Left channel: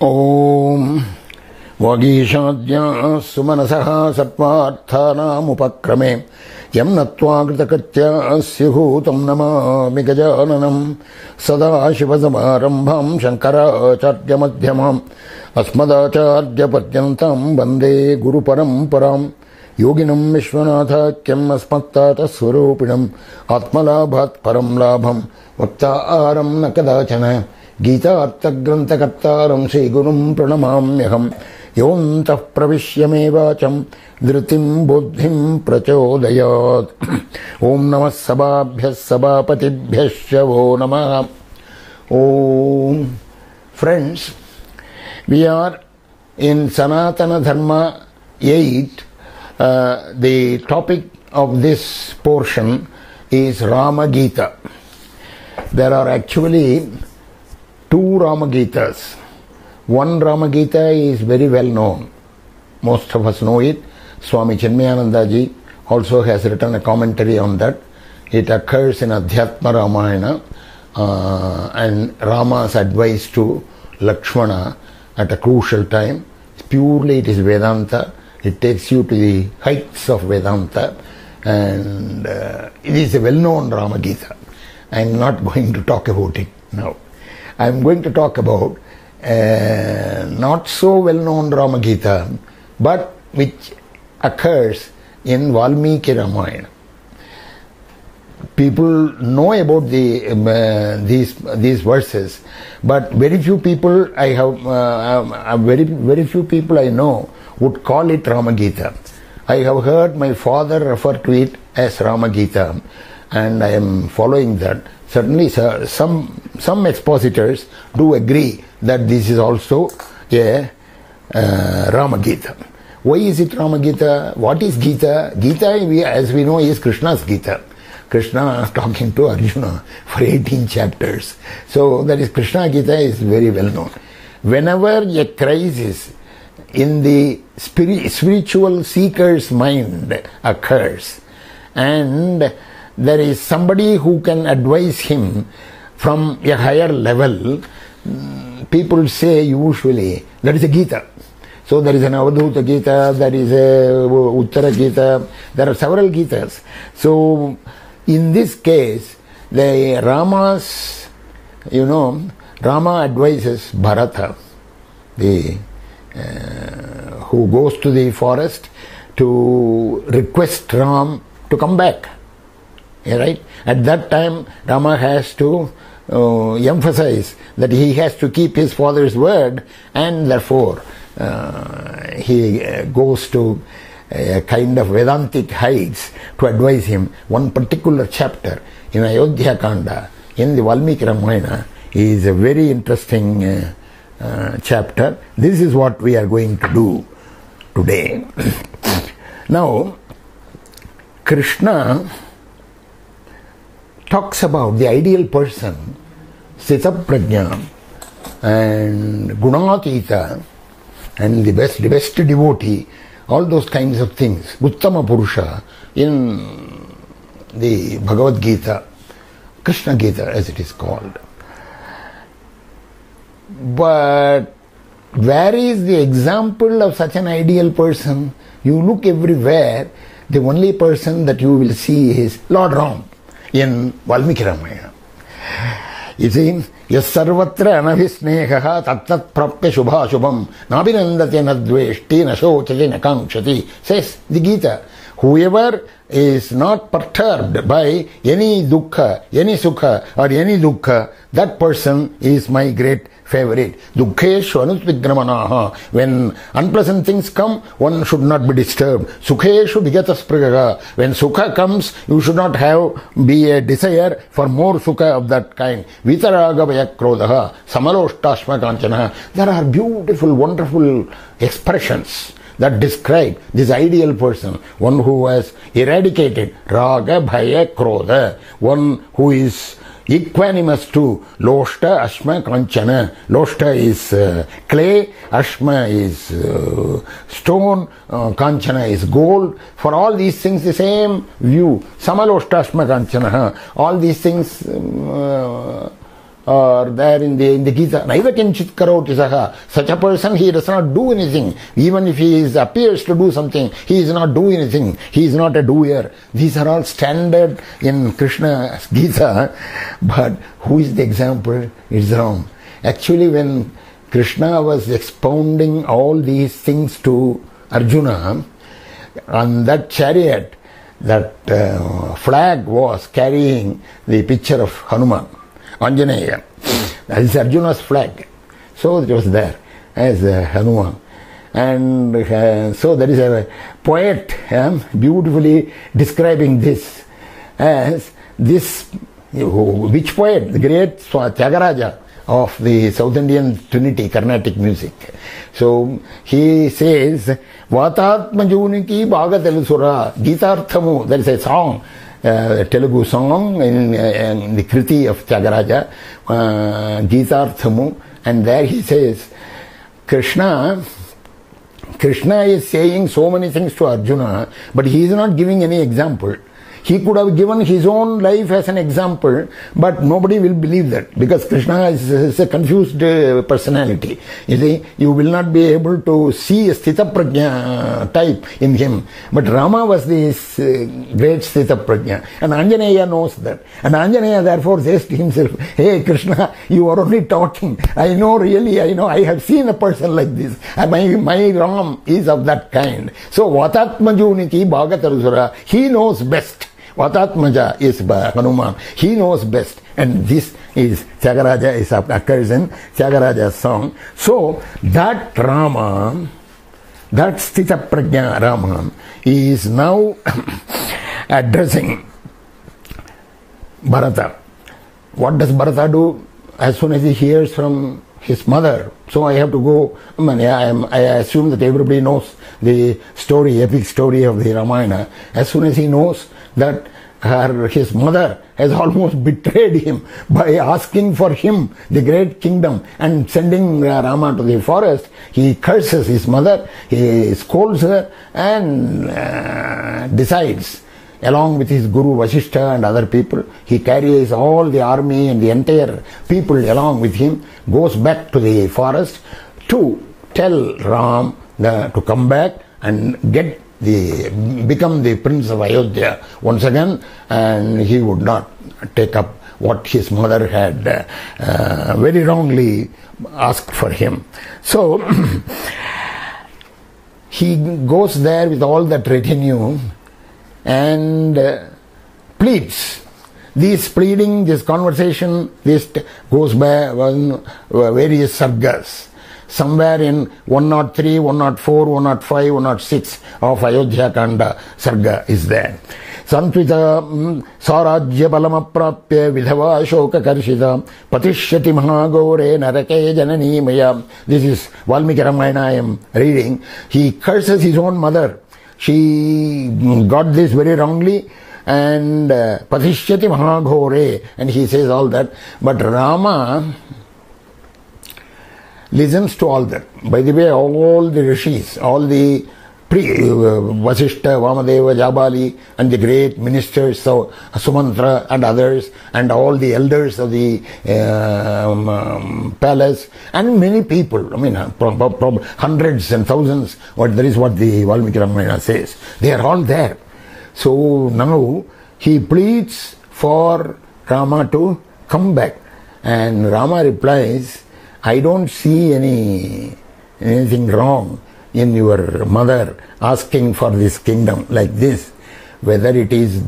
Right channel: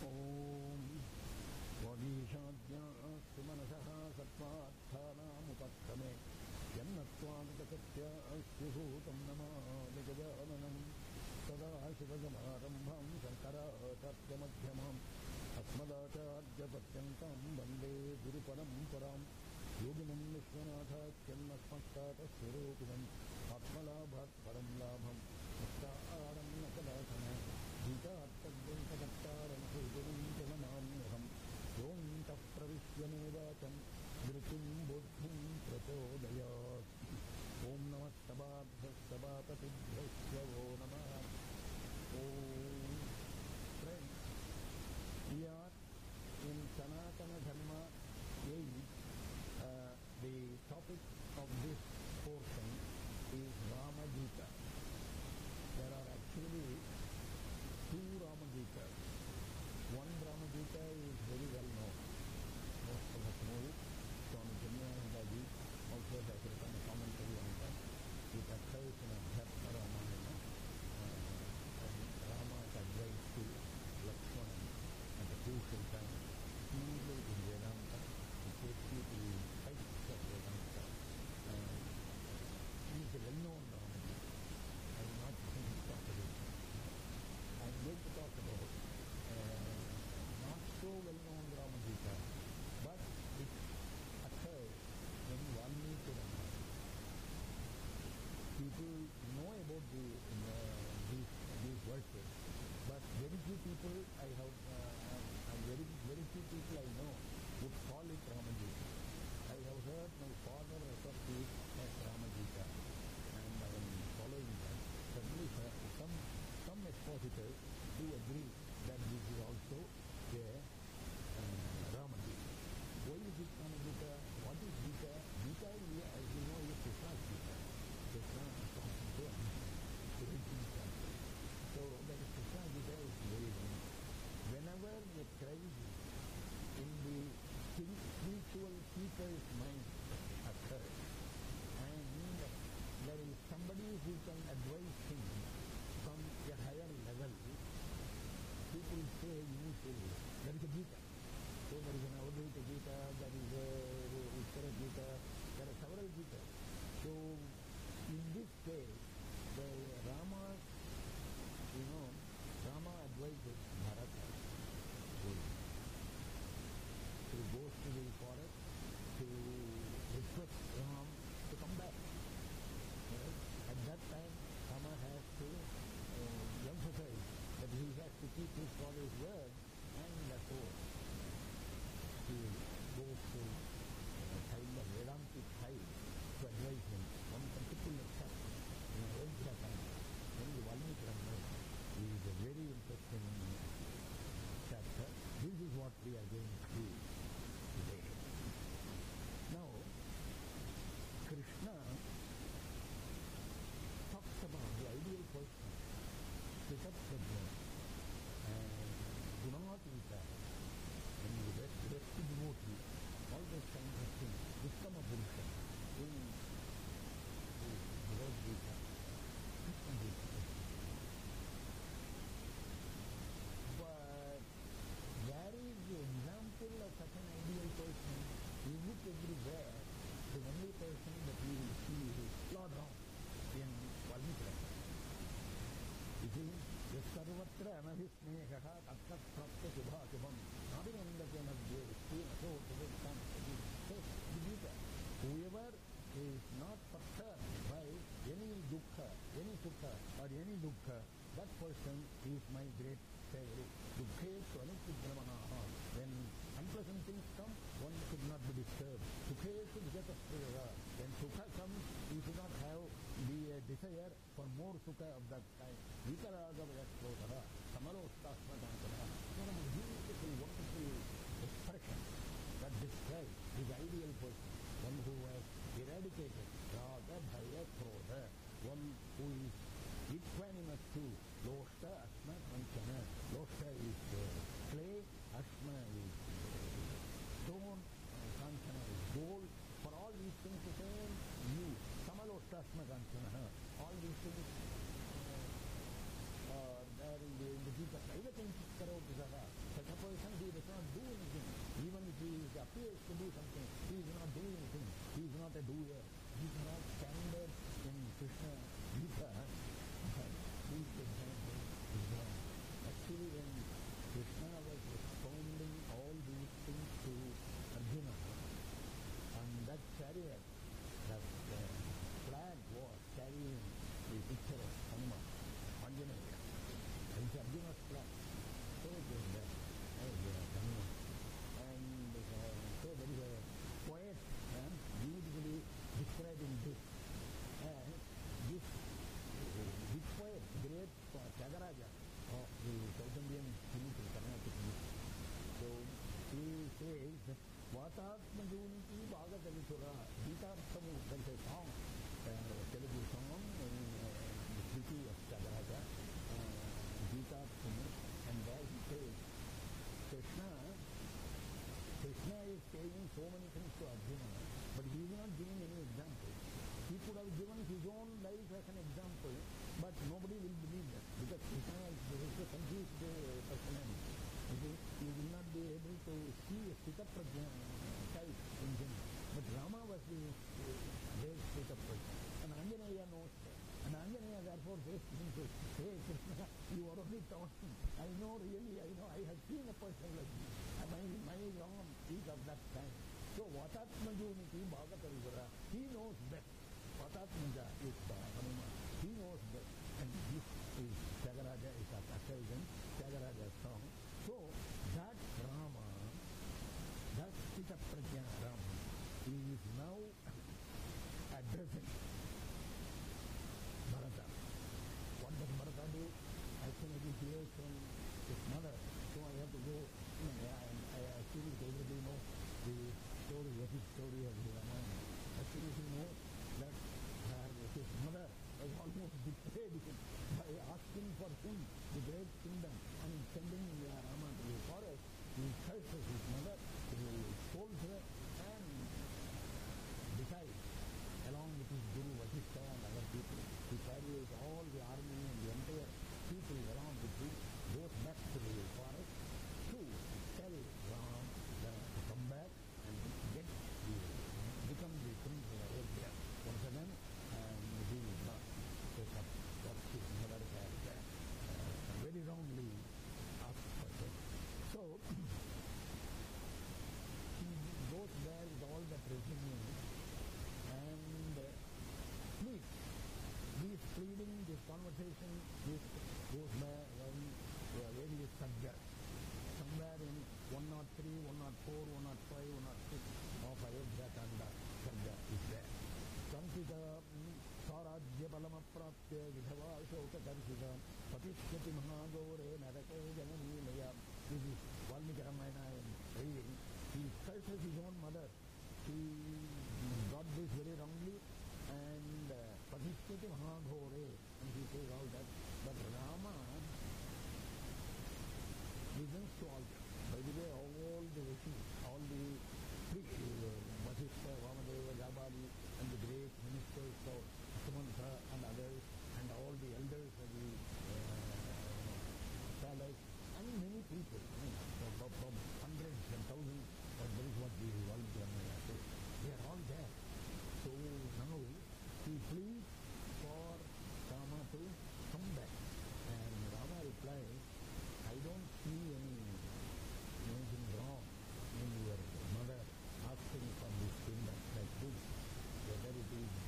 Om Vagishadya Sumanasaha Satvarthanamupakkrame Yam Natva Kritakritya Syuhutam Namami Gajananam Sadashivasamarambham Shankaracharya Madhyamam Asmadacharya Padyantam Bande Guru Paramparam Yoginam Vishwanathakyam Asmattata Swarupinam Atmalabhat Param Labham Vaktaram Nakadachana Gita Arthagranthakartaram Sri Gurum Pranamamyaham Yontah Pravishya Vacham Dhritim Buddhim Prachodayat Om Namah Sababhyas Sabapatibhyasya Vo Namah. Om. Friends, we are in Sanatana Dharma 8. The topic of this portion is Rama Gita. There are actually two Rama Gitas. One Rama Gita is very well known. Most of us know it. Swami Chinmayanandaji also has written a commentary on that. It occurs in Adhyatma Ramayana and Rama's advice to Lakshmana at a crucial time. Purely it is Vedanta. It takes you to the heights of Vedanta, and it is a well-known Rama Gita. I am not going to talk about it now. I am going to talk about not so well-known Rama Gita, but which occurs in Valmiki Ramayana. People know about these verses, but very few people very few people I know would call it Rama Gita. I have heard my father refer to it as Rama Gita, and I am following that. Certainly, some expositors do agree that this is also a Rama Gita. Why is it Rama Gita? What is Gita? Gita, as we know, is Krishna's Gita. Krishna talking to Arjuna for 18 chapters. So that is Krishna Gita is very well known. Whenever a crisis in the spiritual seeker's mind occurs, and there is somebody who can advise him from a higher level, people say usually that is a Gita. So there is an Avadhuta Gita, there is a Uttara Gita, there are several Gitas. So in this case, the Rama's, Rama advises Bharata, who goes to the forest to request Ram to come back. Right? At that time, Rama has to emphasize that he has to keep his father's word, and therefore he goes to a kind of Vedantic heights to advise him. One particular chapter in Ayodhya Kanda in the Valmiki Ramayana is a very interesting chapter. This is what we are going to do today. Now, Krishna talks about the ideal person, Sthita Prajna and Gunatita, and the best devotee, all those kinds of things, Uttama Purusha, in the Bhagavad Gita, Krishna Gita as it is called. But where is the example of such an ideal person? You look everywhere, the only person that you will see is Lord Ram in Valmiki Ramayana. You see, Yas sarvatra anavisneha tattat prapya shubha shubham nabhinandate nadveshti nashochati nakankshati, says the Gita. Whoever is not perturbed by any dukkha, any sukha or any dukkha, that person is my great favorite. Dukkheshu anutvidramanaha. When unpleasant things come, one should not be disturbed. Sukheshu vigatasprigaha. When sukha comes, you should not be a desire for more sukha of that kind. Vitaraga vayakrodaha. Samaloshtasma kanchana. There are beautiful, wonderful expressions that describe this ideal person, one who has eradicated raga, bhaya, krodha, one who is equanimous to loshta, ashma, kanchana. Loshta is clay, ashma is stone, kanchana is gold. For all these things, the same view. Samaloshta, ashma, kanchana. All these things or there in the Gita, neither kinchit karoti saha. Such a person, he does not do anything. Even if he appears to do something, he is not doing anything. He is not a doer. These are all standard in Krishna's Gita. But who is the example? It's Ram. Actually, when Krishna was expounding all these things to Arjuna, on that chariot, that flag was carrying the picture of Hanuman, Anjaneya. That is Arjuna's flag. So it was there as Hanuman. And so there is a poet beautifully describing this as this, which poet? The great Tyagaraja of the South Indian Trinity, Carnatic music. So he says, Vatatmajuniki Bhagatelusura Gitarthamu. There is a song, Telugu song in the Kriti of Tyagaraja, Gitarthamu, and there he says, Krishna is saying so many things to Arjuna, but he is not giving any example. He could have given his own life as an example, but nobody will believe that, because Krishna is a confused personality. You see, you will not be able to see a Sthita Prajna type in him. But Rama was this great Sthita Prajna, and Anjaneya knows that. And Anjaneya therefore says to himself, hey Krishna, you are only talking. I know, I have seen a person like this. My Ram is of that kind. So Vatatmajuniki Bhagatarusura, he knows best. Vatatmaja is Hanuman. He knows best. And this is Tyagaraja, occurs in Tyagaraja's song. So that Rama, that Sthita Prajna Rama, is now addressing Bharata. What does Bharata do? As soon as he hears from his mother, so I have to go. I assume that everybody knows the story, epic story of the Ramayana. As soon as he knows that his mother has almost betrayed him by asking for him the great kingdom and sending Rama to the forest, he curses his mother, he scolds her, and decides, along with his Guru Vasishtha and other people, he carries all the army and the entire people along with him, goes back to the forest to tell Ram to come back and become the prince of Ayodhya once again, and he would not take up what his mother had very wrongly asked for him. So he goes there with all that retinue and pleads. This pleading, this conversation, this goes by various sargas. Somewhere in 103, 104, 105, 106 of Ayodhya Kanda sarga is there. Santvita Sarajya Balamaprapya Vidhava Shoka Karshita Patishyati Mahagore Narake Janani Maya. This is Valmiki Ramayana I am reading. He curses his own mother. She got this very wrongly, and Patishyati Mahagore, and he says all that. But Rama listens to all that. By the way, all the rishis, all the Vasishtha, Vamadeva, Jabali, and the great ministers, so Sumantra and others, and all the elders of the palace, and many people, hundreds and thousands, that is what the Valmiki Ramayana says. They are all there. So now he pleads for Rama to come back, and Rama replies, I don't see anything wrong in your mother asking for this kingdom like this, whether it is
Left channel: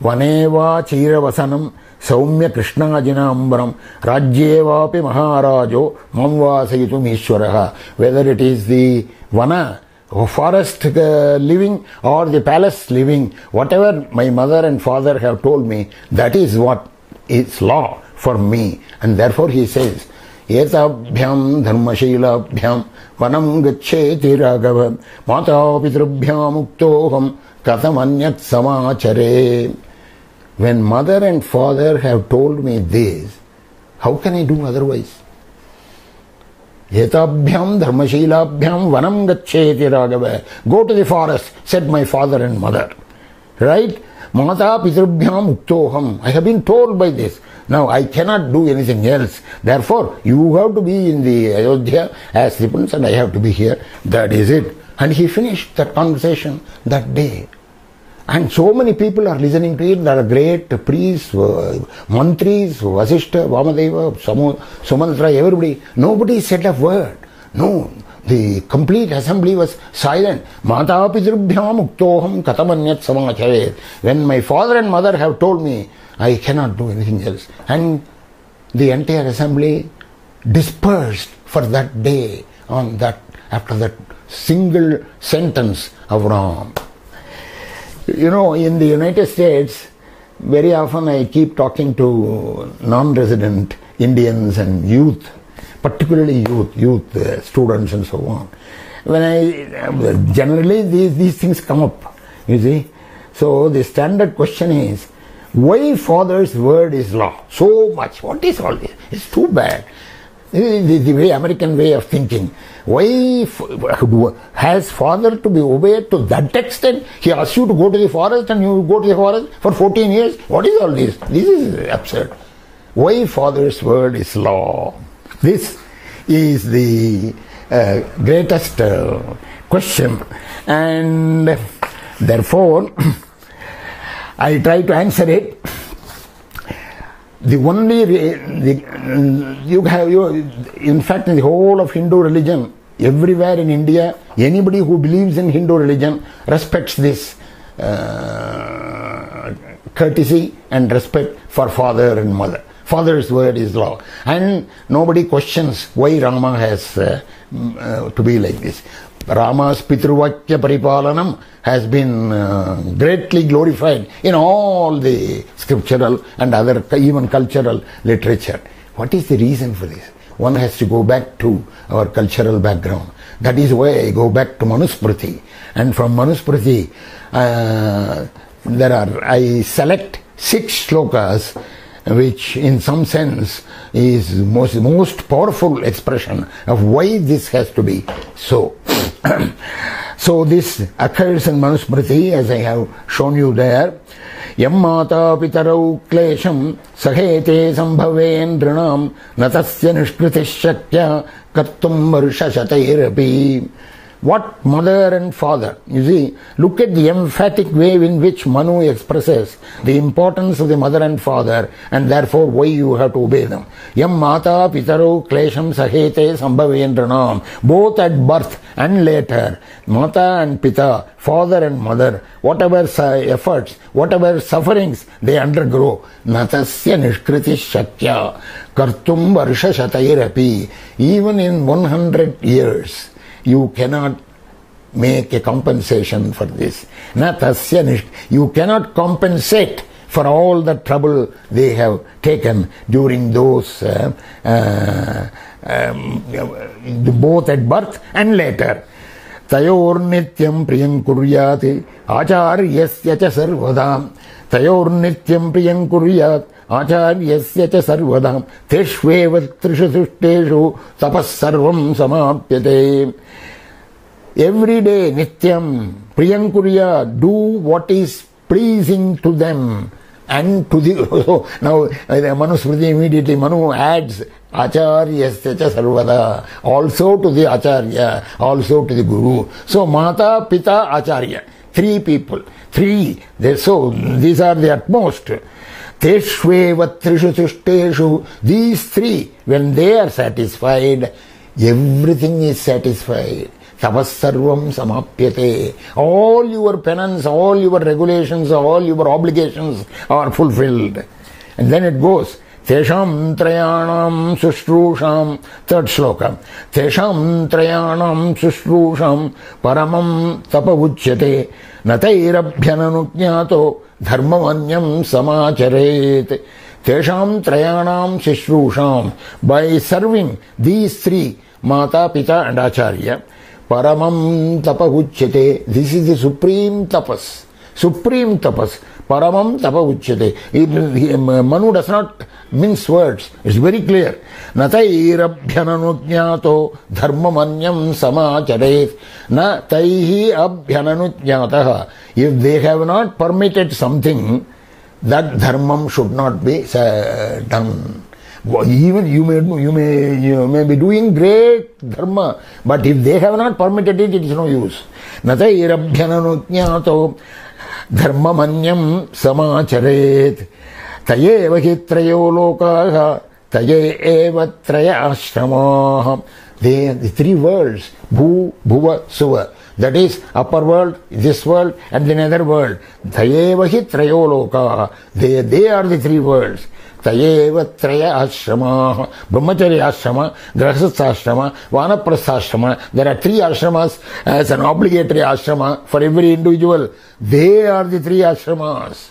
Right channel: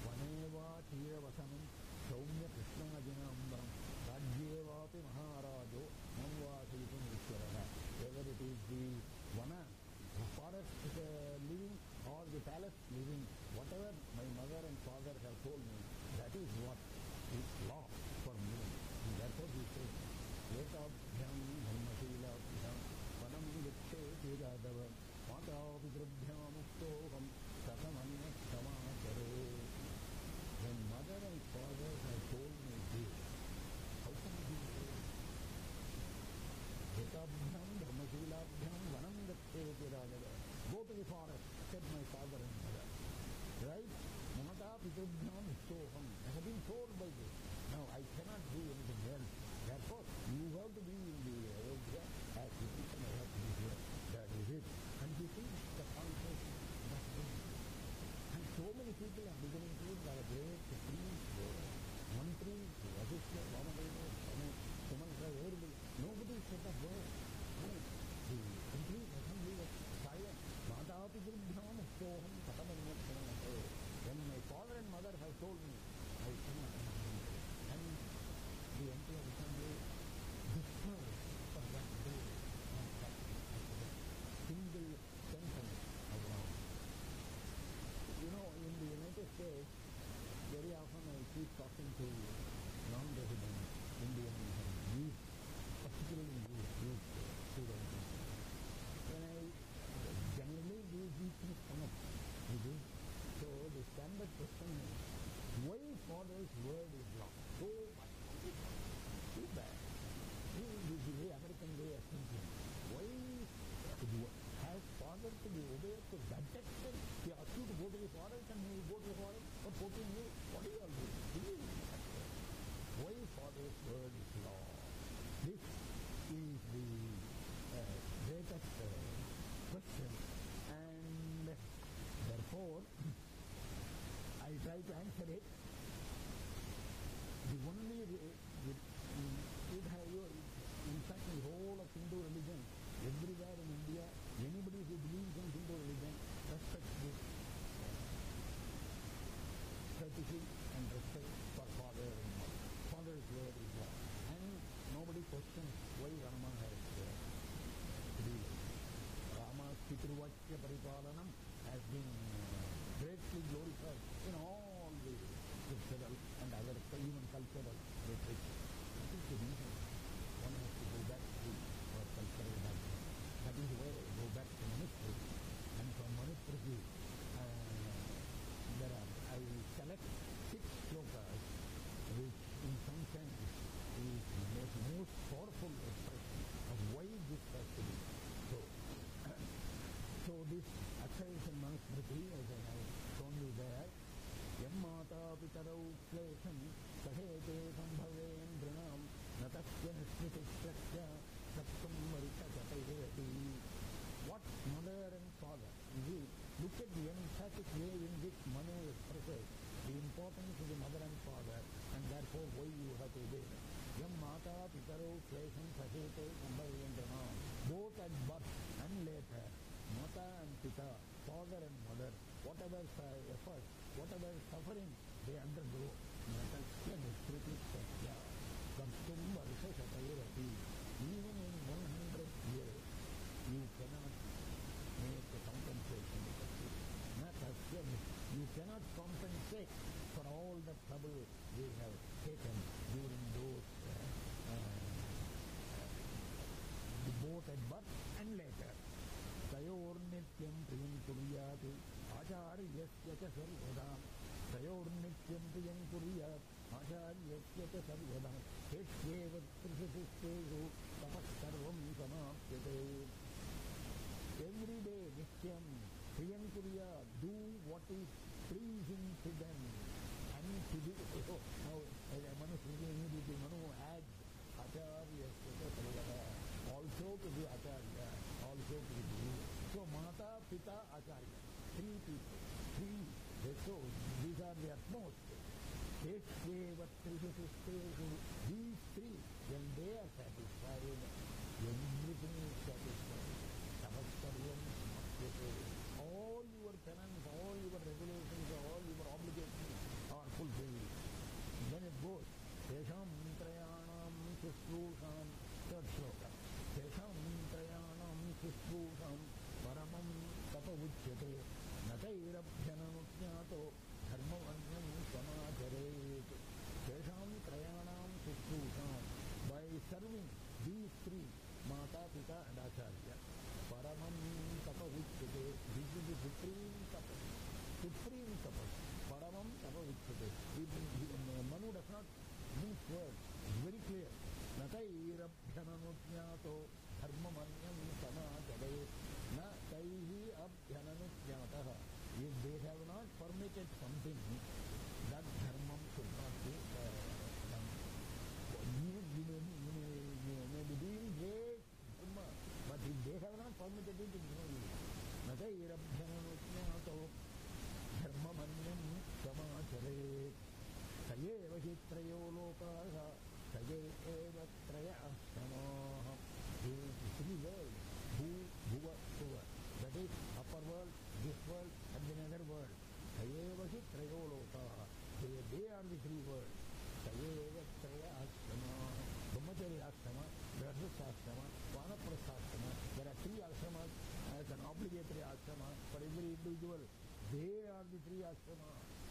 Vaneva Chiravasanam Saumya Krishnajina Ambaram Rajyevapi Maharajo Mamvasayitum Ishwaraha, whether it is the Vana forest living or the palace living, whatever my mother and father have told me, that is what is law for me. And therefore he says, Etabhyam dharmasheelabhyam vanam gaccheti raghava mata pitrubhyam uktoham katamanyat samachare. When mother and father have told me this, how can I do otherwise? Etabhyam dharmasheelabhyam vanam gaccheti raghava. Go to the forest, said my father and mother. Right? Mata pitrubhyam uktoham. I have been told by this. Now I cannot do anything else. Therefore, you have to be in the Ayodhya as the prince and I have to be here. That is it. And he finished that conversation that day. And so many people are listening to it. There are great priests, mantris, Vasishta, Vamadeva, Sumantra, everybody. Nobody said a word. No. The complete assembly was silent. Mata pitrubhyam uktoham katamanyat samacharet. When my father and mother have told me, I cannot do anything else. And the entire assembly dispersed for that day on that, after that single sentence of Ram. You know, in the United States, very often I keep talking to non-resident Indians and youth, particularly youth students and so on. Generally these things come up, you see. So the standard question is, why Father's word is law? So much. What is all this? It's too bad. The way American way of thinking. Why has Father to be obeyed to that extent? He asks you to go to the forest and you go to the forest for 14 years. What is all this? This is absurd. Why Father's word is law? This is the greatest question. And therefore, I try to answer it. The only in fact, in the whole of Hindu religion, everywhere in India, anybody who believes in Hindu religion respects this courtesy and respect for father and mother. Father's word is law. And nobody questions why Rama has to be like this. Rama's Pitruvakya Paripalanam has been greatly glorified in all the scriptural and other even cultural literature. What is the reason for this? One has to go back to our cultural background. That is why I go back to Manusmriti. And from Manusmriti, I select 6 shlokas, which in some sense is most powerful expression of why this has to be so. So this occurs in Manusmriti, as I have shown you there. Yam mata pitarau klesham sahete sambhaven drinam natasya nishkritish shakya kartum varsha shatairapi. What mother and father? You see, look at the emphatic way in which Manu expresses the importance of the mother and father, and therefore why you have to obey them. Yam mata pitaro klesham sahete sambhavendranam. Both at birth and later, mata and pita, father and mother, whatever efforts, whatever sufferings they undergo, natasya nishkriti shakya kartum varsha shatairapi. Even in 100 years, you cannot make a compensation for this. You cannot compensate for all the trouble they have taken during those both at birth and later. Tayor nityam priyam kuryati acharyasya cha sarvadam. Tayor nityam priyam kuryat acharyasya cha sarvadam. Teshveva trishu sushteshu tapas sarvam samapyate. Every day, nityam, priyankurya, do what is pleasing to them and to the... So now, Manusmriti immediately, Manu adds, acharyasya cha sarvada, also to the acharya, also to the guru. So, mata, pita, acharya, 3 people, 3. So, these are the utmost. Teshveva trishu sushteshu, these 3, when they are satisfied, everything is satisfied. Tapasarvam samapyate. All your penance, all your regulations, all your obligations are fulfilled. And then it goes, Tesham trayanam sushrusham, 3rd shloka. Tesham trayanam sushrusham paramam tapavujyate natairabhyananujñato dharmamanyam samacharet. Tesham trayanam sushrusham. By serving these 3, Mata, Pita and Acharya, Paramam tapahujyate. This is the supreme tapas. Supreme tapas. paramam tapa uchyate. Manu does not mince words. It's very clear. Natairabhyananujñato dharmamanyam samacharet. Na taihi abhyananujñataha. If they have not permitted something, that dharmam should not be done. Even you may be doing great dharma, but if they have not permitted it, it is no use. Natairabhyananujñato dharmamanyam samacharet. Tayeva hi trayo lokaha tayeva traya ashramaha. The three worlds, bhu, bhuva, suva. That is upper world, this world, and the nether world. Tayeva hi trayo lokaha. They are the three worlds. Tayeva traya ashramaha. Brahmacharya ashrama, grahastha ashrama, vanaprastha ashrama. There are three ashramas as an obligatory ashrama for every individual. They are the three ashramas.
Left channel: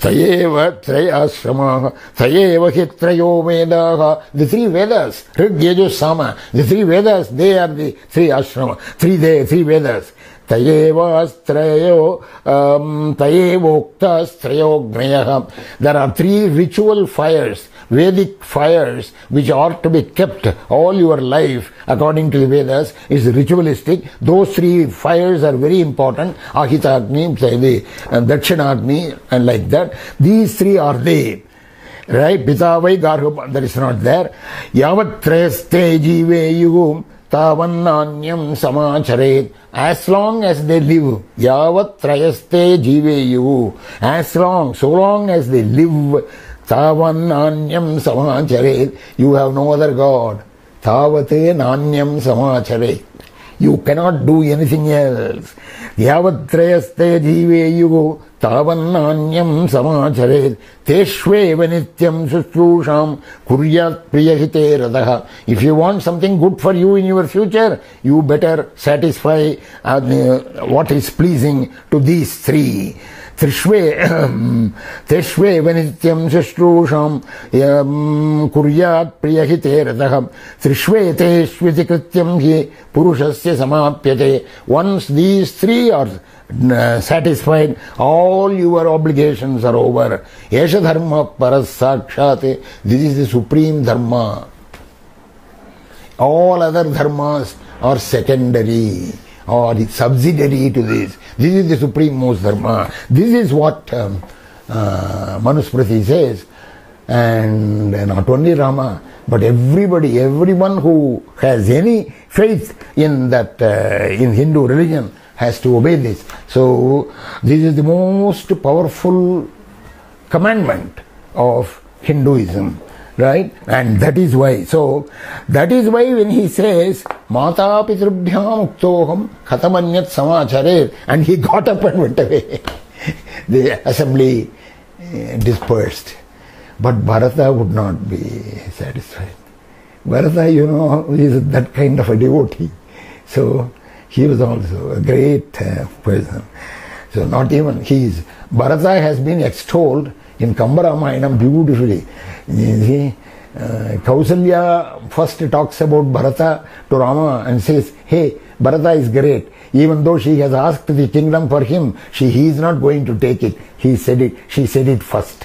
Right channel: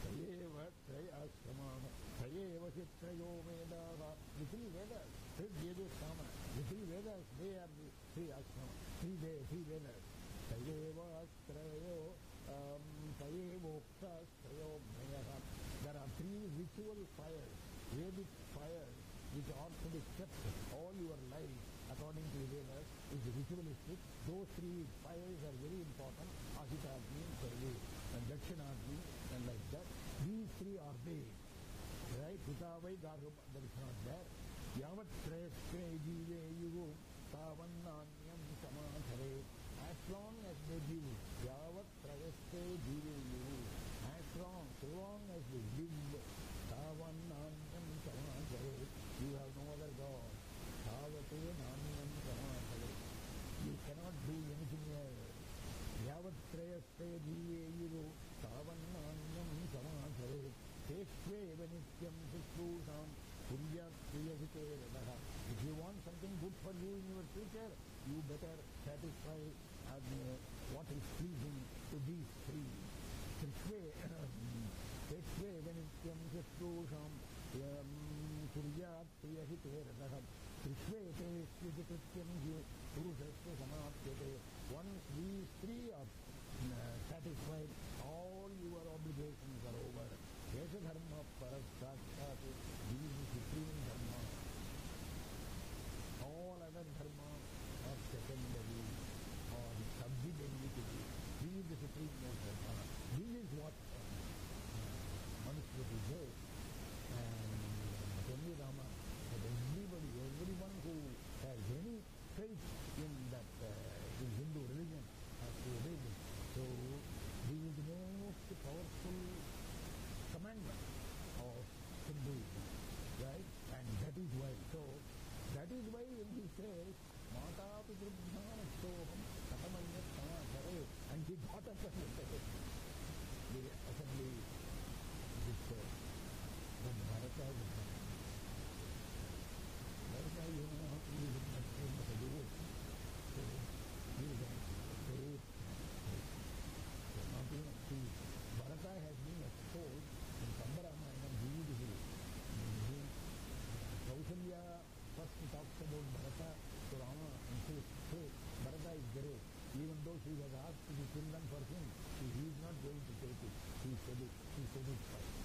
Tayeva traya ashramaha, tayeva hi trayo vedaha. The three Vedas, Rig, Yajur, Sama. The three Vedas, they are the three ashrama. Three Vedas. Tayevoktas trayo gnayaha. There are three ritual fires, Vedic fires, which ought to be kept all your life according to the Vedas. Is ritualistic. Those three fires are very important. Ahita Agni, Dakshina Agni, and like that. These three are they. Right? Pitavai Garham, that is not there. Yavat trayaste jive yugum tavannanyam samacharet. As long as they live, yavat trayaste jive yugu. So long as they live, tavannanyam samacharet. You have no other God. Tavate nanyam samacharet. You cannot do anything else. Yavat trayaste jive yugu tavannanyam samacharet. Teshveva nityam sushrusham kuryat priyahite radaha. If you want something good for you in your future, you better satisfy what is pleasing to these three. Teshveva nityam sushrusham kuryat priyahite radaha. Trishve teshviti krityam hi purushasya samapyate. Once these three are satisfied, all your obligations are over. Yesha dharma paras sakshate. This is the supreme dharma. All other dharmas are secondary or subsidiary to this. This is the supreme most dharma. This is what Manusmriti says. And not only Rama, but everyone who has any faith in that, in Hindu religion, has to obey this. So this is the most powerful commandment of Hinduism, right? And that is why. So that is why when he says Mata Pitrubhyam Uktoham Khatamanyat Samacharet, and he got up and went away. The assembly dispersed. But Bharata would not be satisfied. Bharata, is that kind of a devotee. So he was also a great person. So not even Bharata has been extolled in Kamba-Ramayanam beautifully. You see, Kausalya first talks about Bharata to Rama and says, hey, Bharata is great. Even though she has asked the kingdom for him, he is not going to take it. She said it first.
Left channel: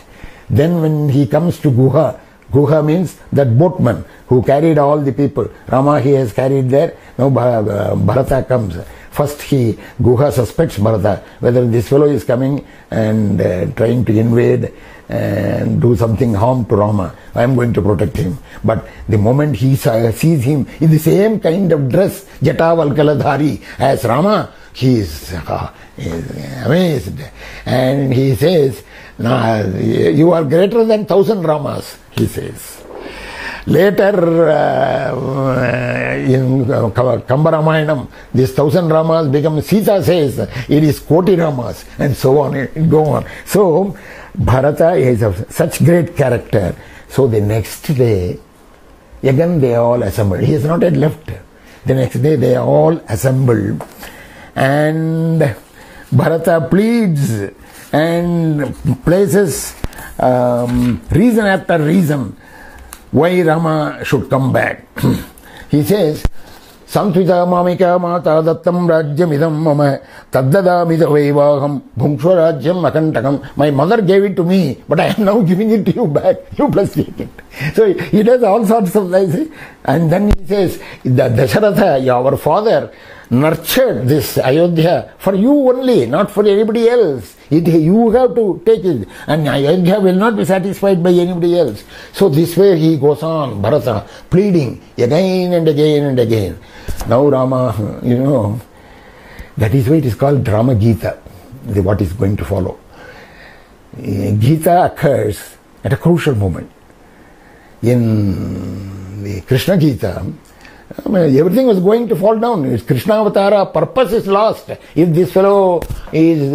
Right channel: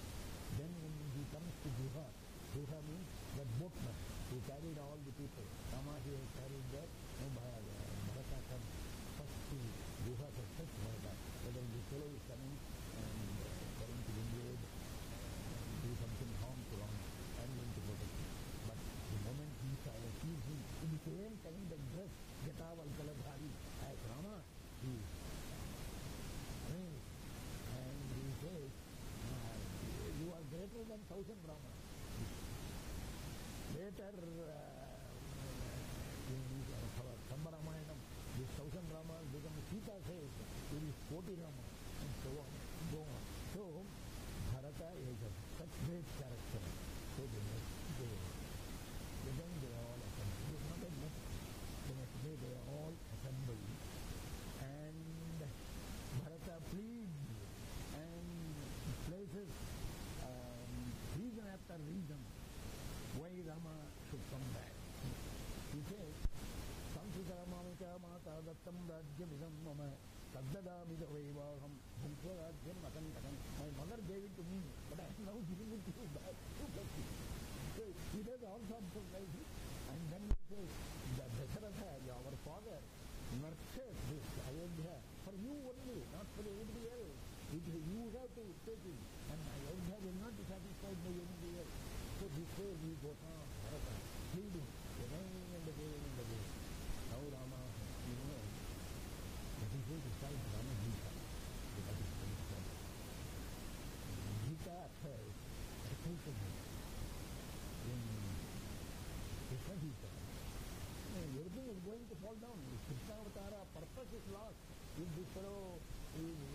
Then when he comes to Guha means that boatman who carried all the people. Rama he has carried there. Now Bharata comes. First Guha suspects Bharata, whether this fellow is coming and trying to invade and do something harm to Rama. I am going to protect him. But the moment he sees him in the same kind of dress, Jatavalkaladhari, as Rama, he is amazed. And he says, you are greater than 1,000 Ramas, he says. Later, in Kamba-Ramayanam, this 1,000 Ramas become, Sita says, it is Koti Ramas, and so on, and go on. So, Bharata is of such great character. So the next day, again they all assembled. He has not yet left. The next day they all assembled. And Bharata pleads and places reason after reason why Rama should come back. He says, Samtvita mamika mata dattam rajyamidam mama taddadamida vaivaham bhungshwarajyam akantakam. My mother gave it to me, but I am now giving it to you back. You plus take it. So he does all sorts of things. And then he says, Dasharatha, our father, nurtured this Ayodhya for you only, not for anybody else. You have to take it. And Ayodhya will not be satisfied by anybody else. So this way he goes on, Bharata, pleading again and again and again. Now Rama, that is why it is called Rama Gita, what is going to follow. Gita occurs at a crucial moment. In the Krishna Gita, everything was going to fall down. His Krishna Avatara purpose is lost. If this fellow is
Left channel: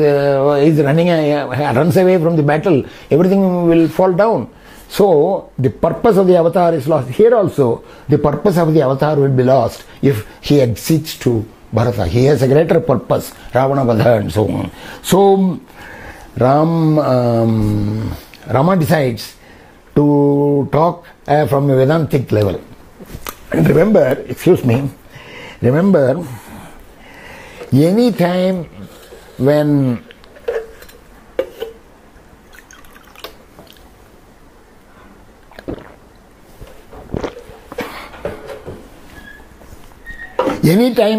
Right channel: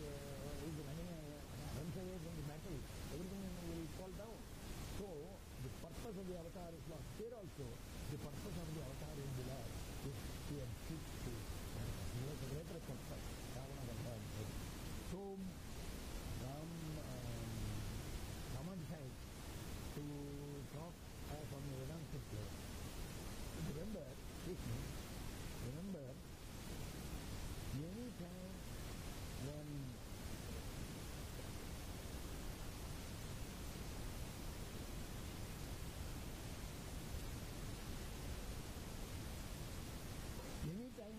runs away from the battle, everything will fall down. So the purpose of the avatar is lost. Here also, the purpose of the avatar will be lost if he accedes to Bharata. He has a greater purpose, Ravana Vadha and so on. So Rama decides to talk from a Vedantic level. And remember, any time when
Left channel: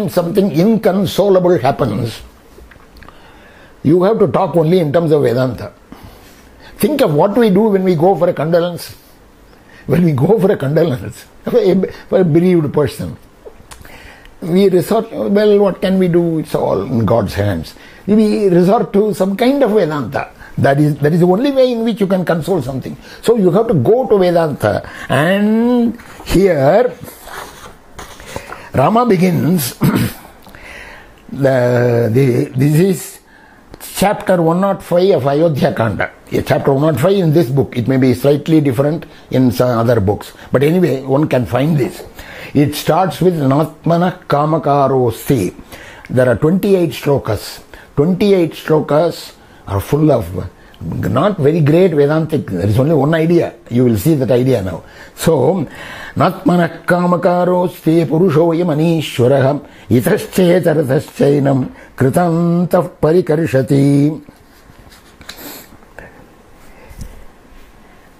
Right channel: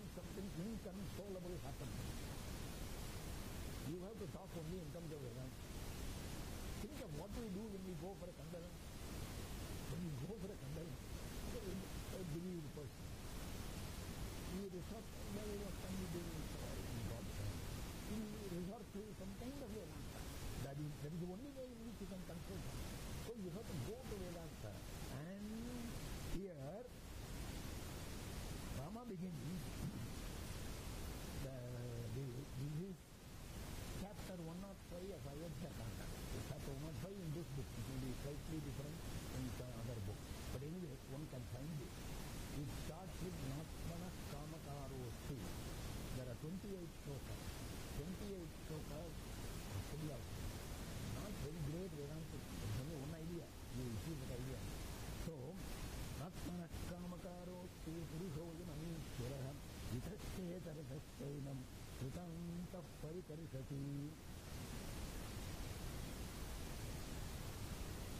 something inconsolable happens, you have to talk only in terms of Vedanta. Think of what we do when we go for a condolence. When we go for a condolence for a bereaved person, we resort, well, what can we do? It's all in God's hands. We resort to some kind of Vedanta. That is the only way in which you can console something. So you have to go to Vedanta. And here Rama begins, this is chapter 105 of Ayodhya Kanda. Chapter 105 in this book. It may be slightly different in some other books. But anyway, one can find this. It starts with Natmana Kamakarosti. There are 28 shlokas. 28 shlokas are full of not very great Vedantic. There is only one idea. You will see that idea now. So, Natmana Kamakarosti Purushoyam Anishwaraham Itaschetarataschainam Kritantah Parikarshati.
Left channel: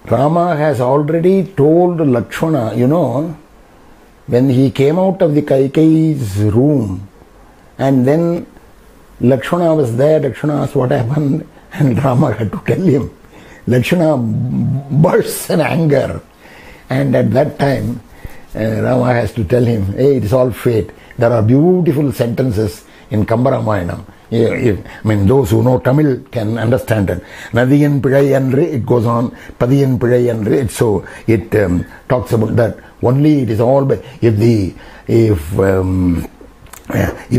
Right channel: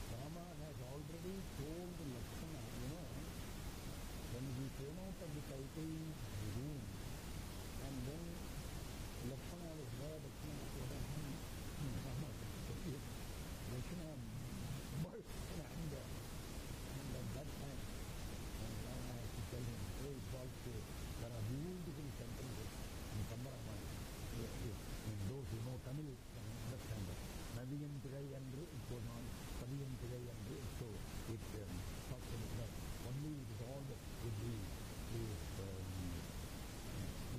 Rama has already told Lakshmana, when he came out of the Kaikeyi's room, and then Lakshmana was there, Lakshmana asked what happened, and Rama had to tell him. Lakshmana bursts in anger, and at that time Rama has to tell him, hey, it is all fate. There are beautiful sentences in Kambaramayanam. Those who know Tamil can understand it. Nadiyan Pizhai Andre, it goes on. Padiyan Pizhai Andre, so it talks about that. Only it is all, if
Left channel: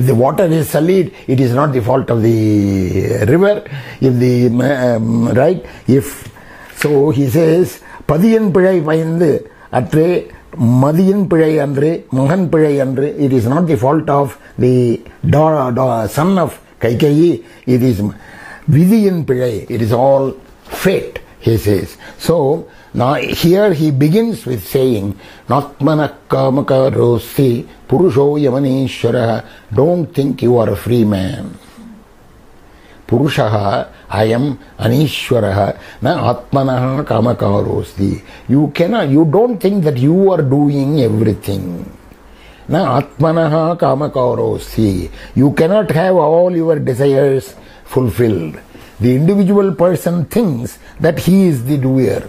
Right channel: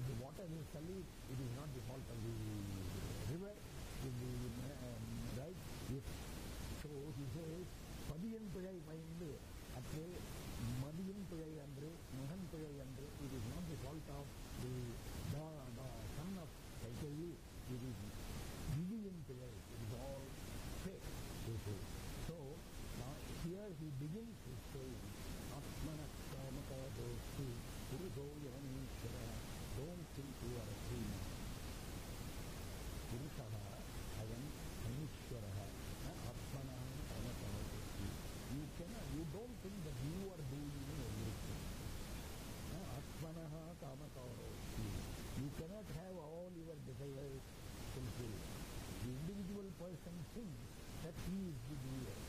the water is sullied, it is not the fault of the river. So he says, Padiyan Pizhai Payandu Atre, Madiyan Pizhai Andre, Mahan Pizhai Andre, it is not the fault of the son of Kaikeyi, it is Vidiyan Pizhai, it is all fate, he says. So, now here he begins with saying, Natmana Kamakarosti Purusho Yamanishwaraha, don't think you are a free man. Purushaha, I am Anishwaraha, na Atmanaha Kamakarosti. You don't think that you are doing everything. Na Atmanaha Kamakarosti. You cannot have all your desires fulfilled. The individual person thinks that he is the doer.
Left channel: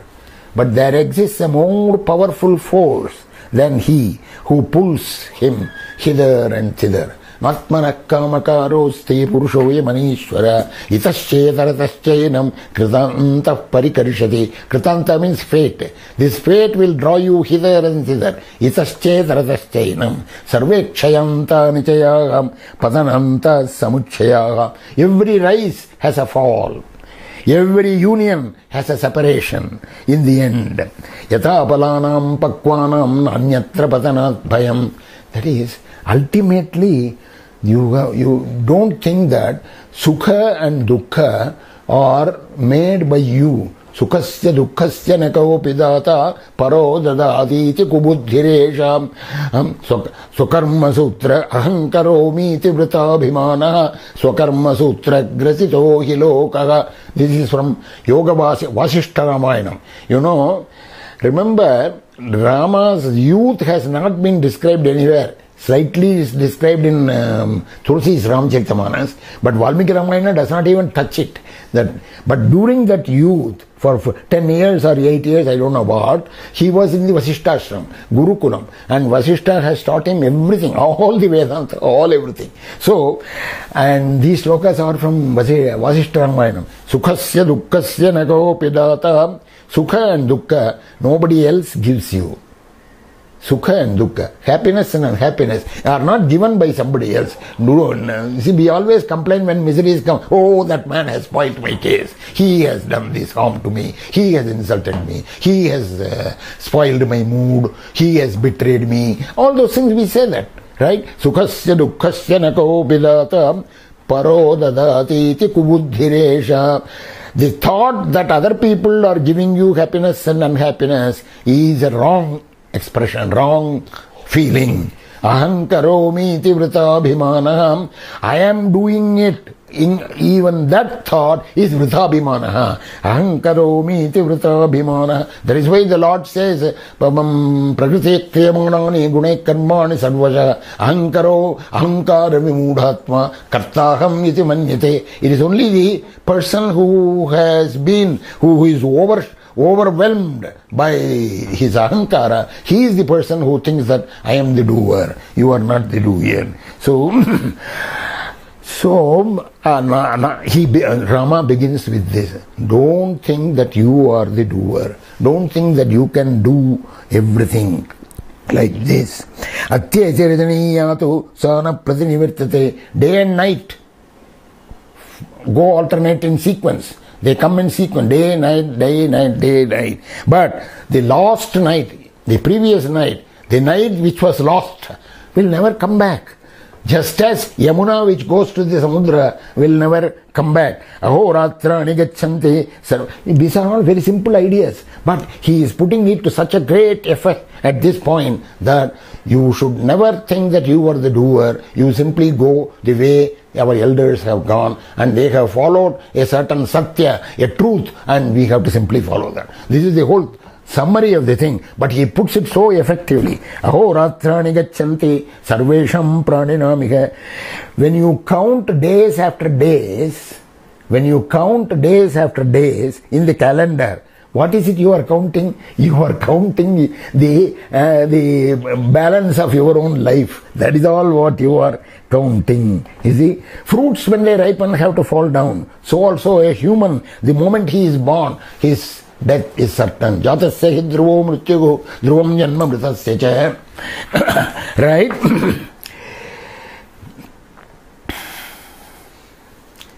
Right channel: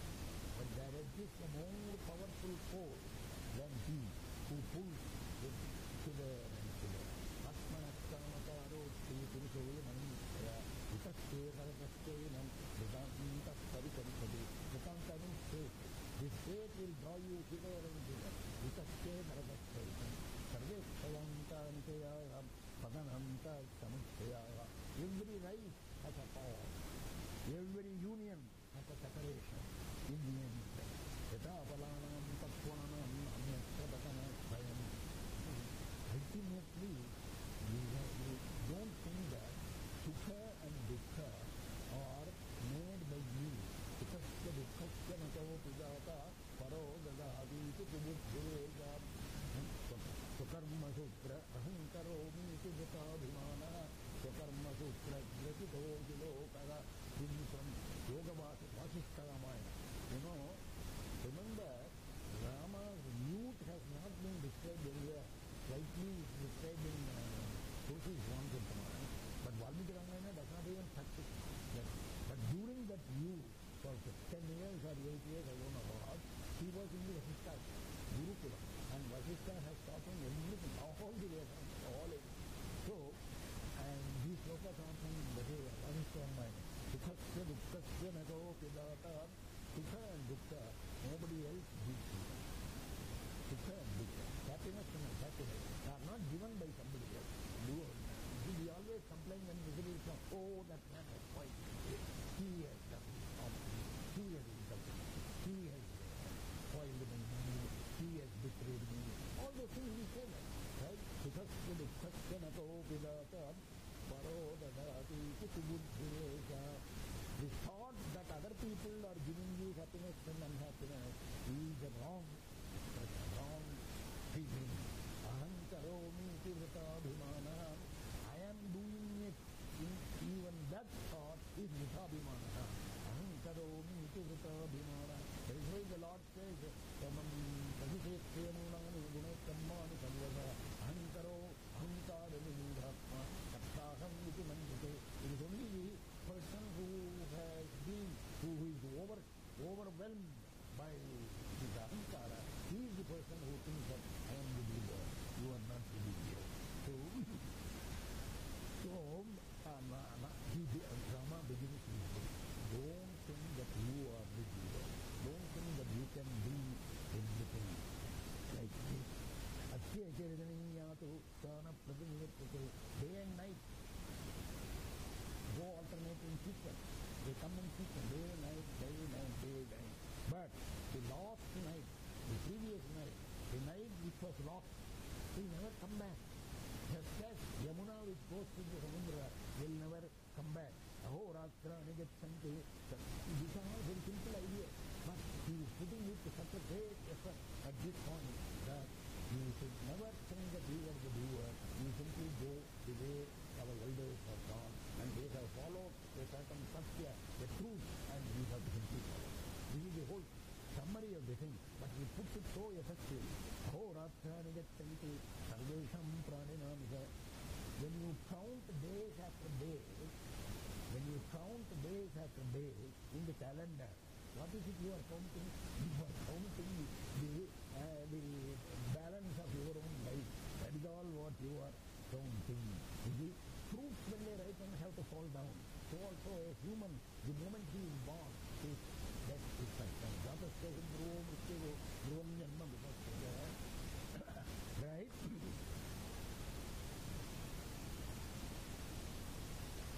But there exists a more powerful force than he who pulls him hither and thither. Natmana Kamakarosti Purushoya Manishwara Itaschetarataschainam Kritantah Parikarshati. Kritanta means fate. This fate will draw you hither and thither. Itaschetarataschainam Sarvekshayanta Nichayaham Padananta Samuchayaham. Every rise has a fall. Every union has a separation in the end. Yatha palanam pakwanam anyatra patanat bhayam. That is, ultimately, you don't think that sukha and dukkha are made by you. Sukhasya dukkhasya nakaopi data paro dadati iti kubuddhiresham. Swakarma sutra ahankaromi iti vritabhimana swakarma sutra grasito hi lokaha. This is from Yoga Vasishta Ramayana. You know, remember, Rama's youth has not been described anywhere. Slightly is described in Tulsi's Ramcharitamanas, but Valmiki Ramayana does not even touch it. But during that youth, for 10 years or 8 years, I don't know what, he was in the Vasishta Ashram, Gurukulam, and Vasishta has taught him everything, all the Vedanta, all everything. So, and these slokas are from Vasishta Ramayana. Sukhasya dukkhasya nakaopi data. Sukha and dukkha, nobody else gives you. Sukha and dukkha, happiness and unhappiness are not given by somebody else. See, we always complain when miseries come. Oh, that man has spoiled my case. He has done this harm to me. He has insulted me. He has spoiled my mood. He has betrayed me. All those things we say that, right? Sukhasya dukkhasya nako bidata paro dadati iti kubuddhiresha. The thought that other people are giving you happiness and unhappiness is a wrong expression, wrong feeling. Aham karomi iti vritabhimanaham. I am doing it. Even that thought is vritabhimanaha. Aham karomi iti vritabhimanaha. That is why the Lord says, prakriti kriyamanani gune karmani sarvasha ahankaro ahankara vimudhatma kartaham iti manyate. It is only the person who has been, who is overwhelmed by his ahankara, he is the person who thinks that I am the doer, you are not the doer. So Rama begins with this. Don't think that you are the doer. Don't think that you can do everything like this. Atya charitaniyatu sana pratinivirtate. Day and night go alternate in sequence. They come in sequence, day, night, day, night, day, night. But the lost night, the previous night, the night which was lost, will never come back. Just as Yamuna which goes to the Samudra will never come back. Ahoratrani gachanti. These are all very simple ideas. But he is putting it to such a great effect at this point that you should never think that you are the doer. You simply go the way our elders have gone, and they have followed a certain satya, a truth, and we have to simply follow that. This is the whole summary of the thing, but he puts it so effectively. Ahoratrani gachanti sarvesham praninamiha. When you count days after days, in the calendar, what is it you are counting? You are counting the balance of your own life. That is all what you are counting. You see, fruits when they ripen have to fall down. So also a human, the moment he is born, his death is certain. Jatasya hi dhruvo mrityu dhruvam janma mritasya cha. Right?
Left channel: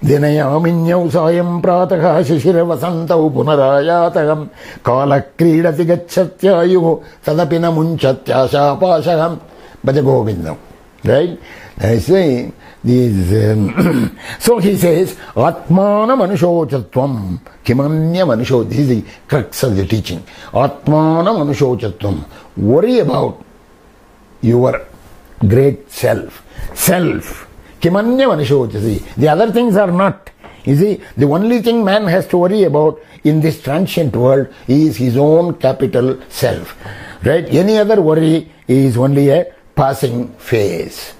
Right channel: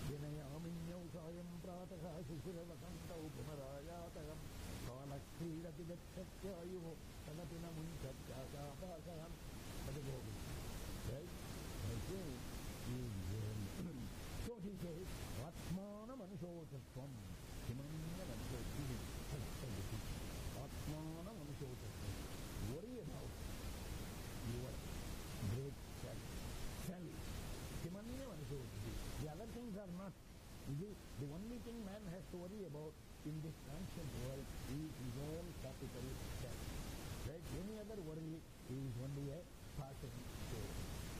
Dinayaminyau sayam prataha shishira vasantau punarayatagam kala kridati gacchatyayuhu tadapina munchatya shapashaham bhaja govindam. Right? I say these. So he says, Atmana manushochattvam kimanya manusho. This is the crux of the teaching. Atmana manushochattvam. Worry about your great self. Self. Kimanya manushochasi. The other things are not. You see, the only thing man has to worry about in this transient world is his own capital self. Right? Any other worry is only a passing phase.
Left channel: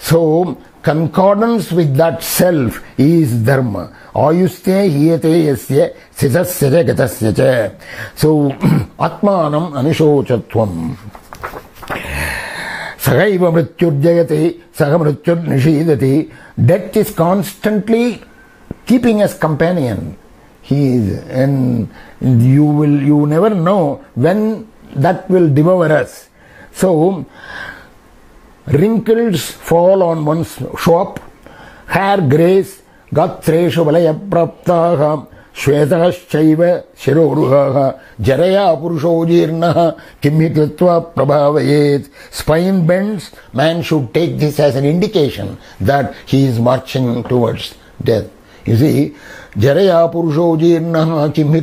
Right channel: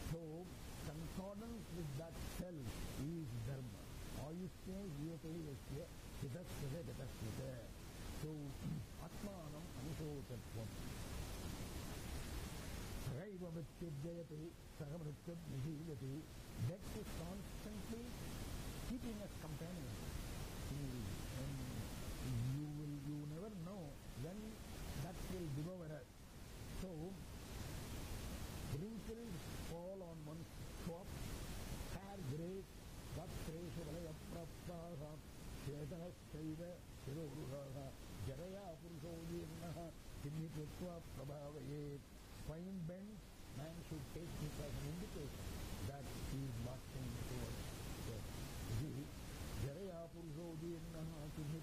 So, concordance with that self is dharma. Ayuste hiyate yasya sitasya gatasya cha. So, atmanam anushochattvam. Sagaiva mrityurjayate saga mrityur nishidati. Death is constantly keeping us companion. He is, and you never know when that will devour us. So, wrinkles fall on one's shop, hair grays, gatreshu valaya praptaha, shvetashchaiva shiroruhaha, jaraya purusho jirnaha, kimhikritva prabhavayet. Spine bends, man should take this as an indication that he is marching towards death. You see, Jaraya Purusho Jirnaha Kimhi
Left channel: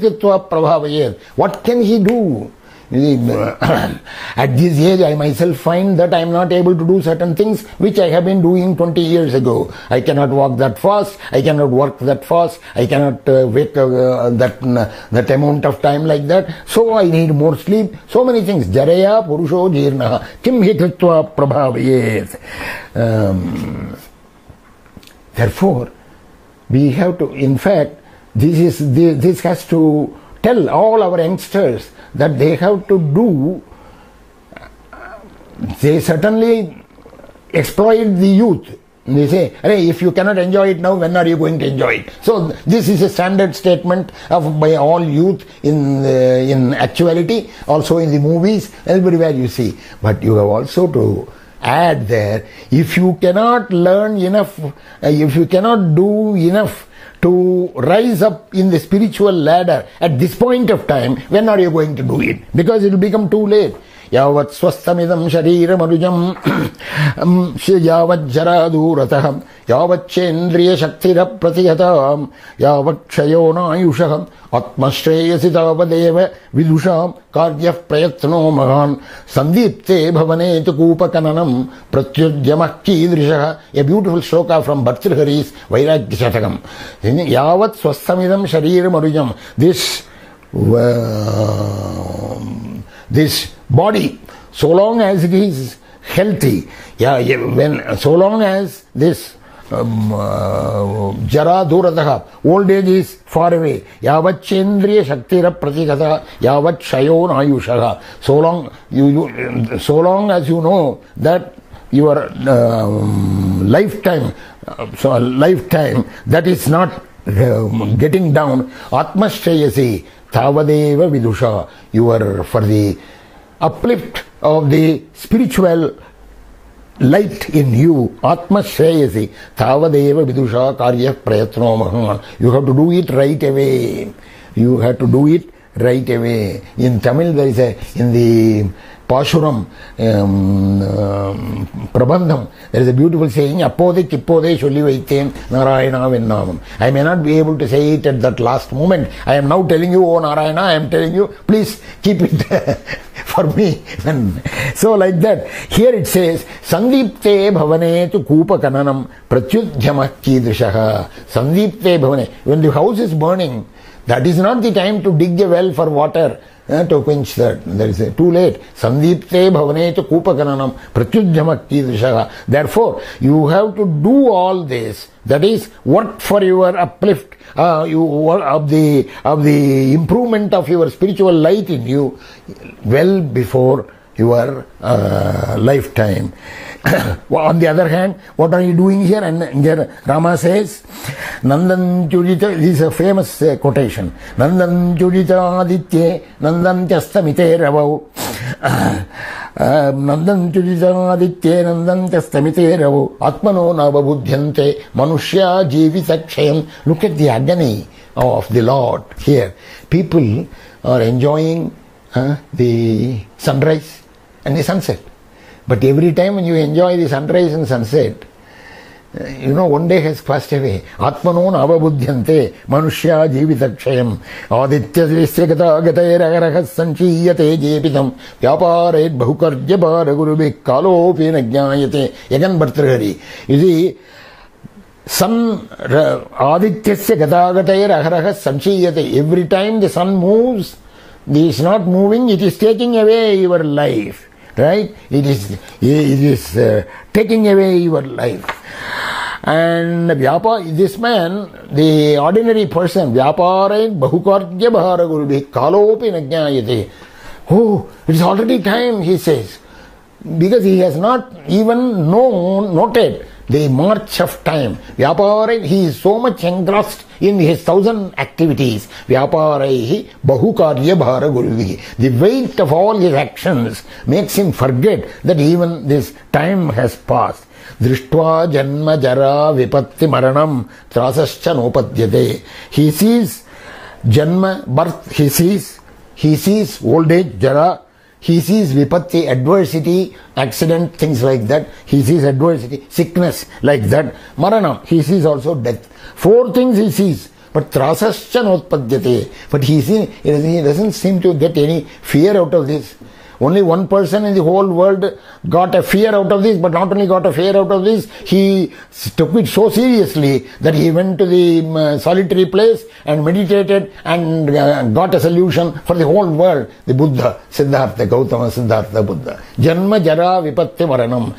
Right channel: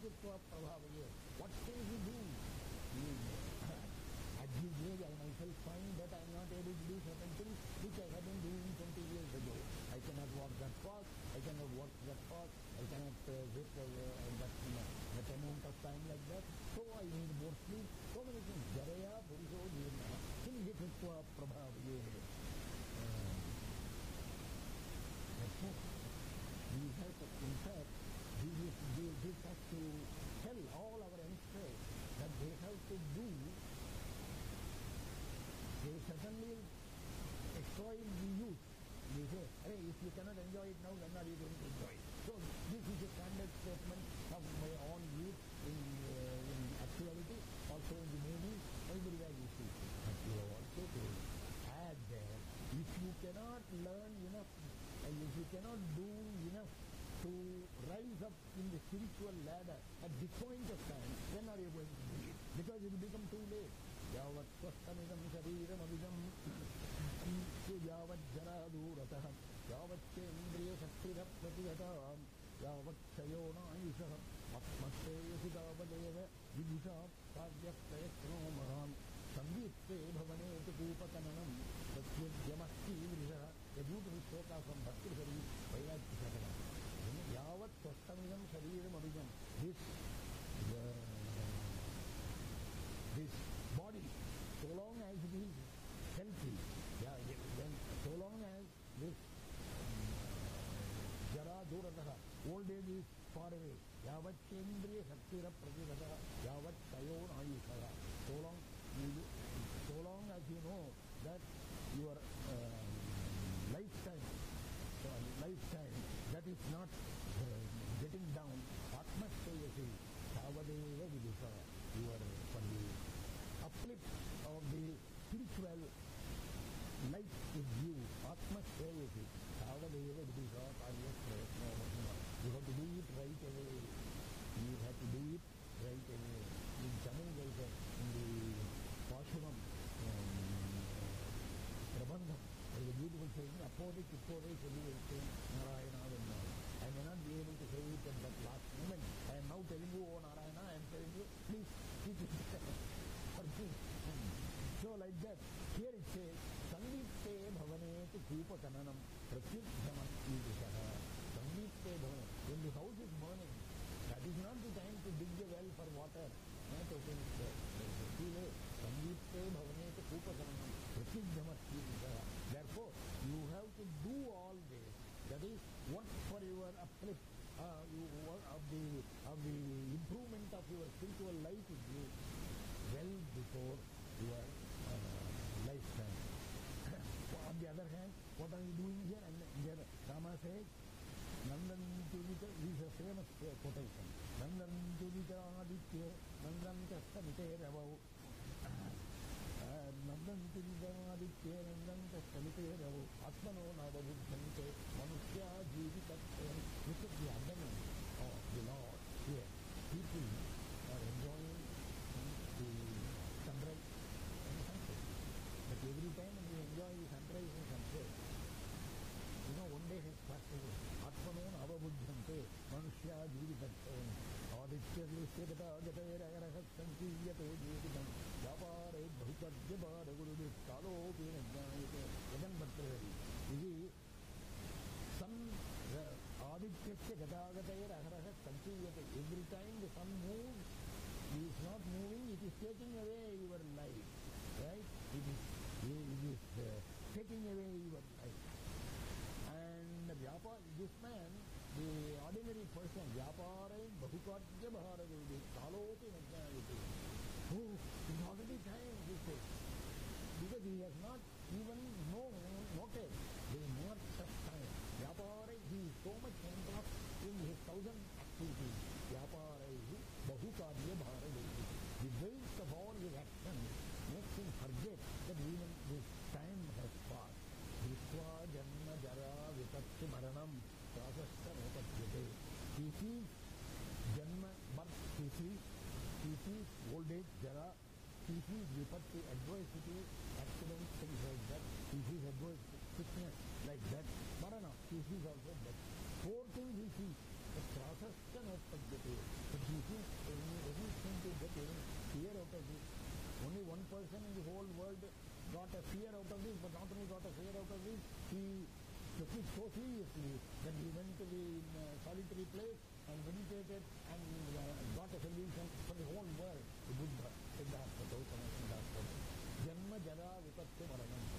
Kritva Prabhavayet. What can he do? At this age, I myself find that I am not able to do certain things which I have been doing 20 years ago. I cannot walk that fast, I cannot work that fast, I cannot wake that amount of time like that. So I need more sleep. So many things. Jaraya Purusho Jirnaha Kim hi Kritva Prabhavayet. Therefore, we have to, in fact, this has to tell all our youngsters that they have to do, they certainly exploit the youth. They say, hey, if you cannot enjoy it now, when are you going to enjoy it? So this is a standard statement by all youth in actuality, also in the movies, everywhere you see. But you have also to add there, if you cannot learn enough, if you cannot do enough to rise up in the spiritual ladder at this point of time, when are you going to do it? Because it will become too late. Yavat swastamidam sharira marujam yavat jaradurataham yavat chendriya shaktira pratihatam yavat kshayona ayushaham atmashreyasi tavadeva vidusham karyah prayatno mahan sandipte bhavanetu kupakananam pratyudyamah kidrishaha. A beautiful shloka from Bhartrihari's Vairagya Shatakam. Yavat swastamidam sharira marujam. This body, so long as it is healthy, so long as this jara duradaha, old age is far away, yavat chendriya shaktira pratikata yavat shayon ayushaha, so long as you know that your lifetime that is not getting down, atmashreyasi Tavadeva vidusha, you are for the uplift of the spiritual light in you, Atma Shreyasi, Tavadeva vidusha karyah prayatno mahan. You have to do it right away. You have to do it right away. In Tamil there is in the Pashuram Prabandham, there is a beautiful saying, Appode Kippode Shulli Vaithen Narayana Vennamam. I may not be able to say it at that last moment. I am now telling you, oh Narayana, I am telling you, please keep it for me. So like that. Here it says, Sandipte Bhavane tu Kupa Kananam Pratyudhyamah Kidrishaha. Sandipte Bhavane. When the house is burning, that is not the time to dig a well for water. To quench that. There is too late. Sandipte bhavane to kupakananam pratyudhyamah kidrishaha. Therefore, you have to do all this. That is, work for your uplift, of the improvement of your spiritual light in you well before your lifetime. On the other hand, what are you doing here? And here Rama says, Nandan Churita, this is a famous quotation, Nandan Churita Aditye, Nandan Chastamite Ravo, Nandan Churita Aditye, Nandan Chastamite Ravo, Atmano Navabudhyante, Manushya Jivitakshayam. Look at the agony of the Lord here. People are enjoying the sunrise and the sunset. But every time when you enjoy the sunrise and sunset, one day has passed away. Atmano navabudhyante manushya jivitakshayam aditya vishyagata gatayar agarahas sanchiyate jepitam vyaparet bahukarya bharagurubhi kalopi nagyayate. Again Bhartrihari. You see, sun adityasya gatagatayar agarahas sanchiyate. Every time the sun moves, it is not moving, it is taking away your life. Right? It is taking away your life. And this man, the ordinary person, Vyapare Bahukarya Bharagurubhi Kalopi Nagyayate. Oh, it is already time, he says. Because he has not even noted the march of time. Vyapare, he is so much engrossed in his 1,000 activities. Vyaparehi bahukarya bharagurvihi. The weight of all his actions makes him forget that even this time has passed. Drishtva janma jara vipatti maranam trasascha nopadyate. He sees janma, birth, he sees old age, jara, he sees vipatti, adversity, accident, things like that. He sees adversity, sickness, like that. Maranam, he sees also death. 4 things he sees. But trasascha notpadyate. But he doesn't seem to get any fear out of this. Only one person in the whole world got a fear out of this, but not only got a fear out of this, he took it so seriously that he went to the solitary place and meditated and got a solution for the whole world. The Buddha, Siddhartha, Gautama Siddhartha Buddha. Janma, Jara, Vipatti, Maranam.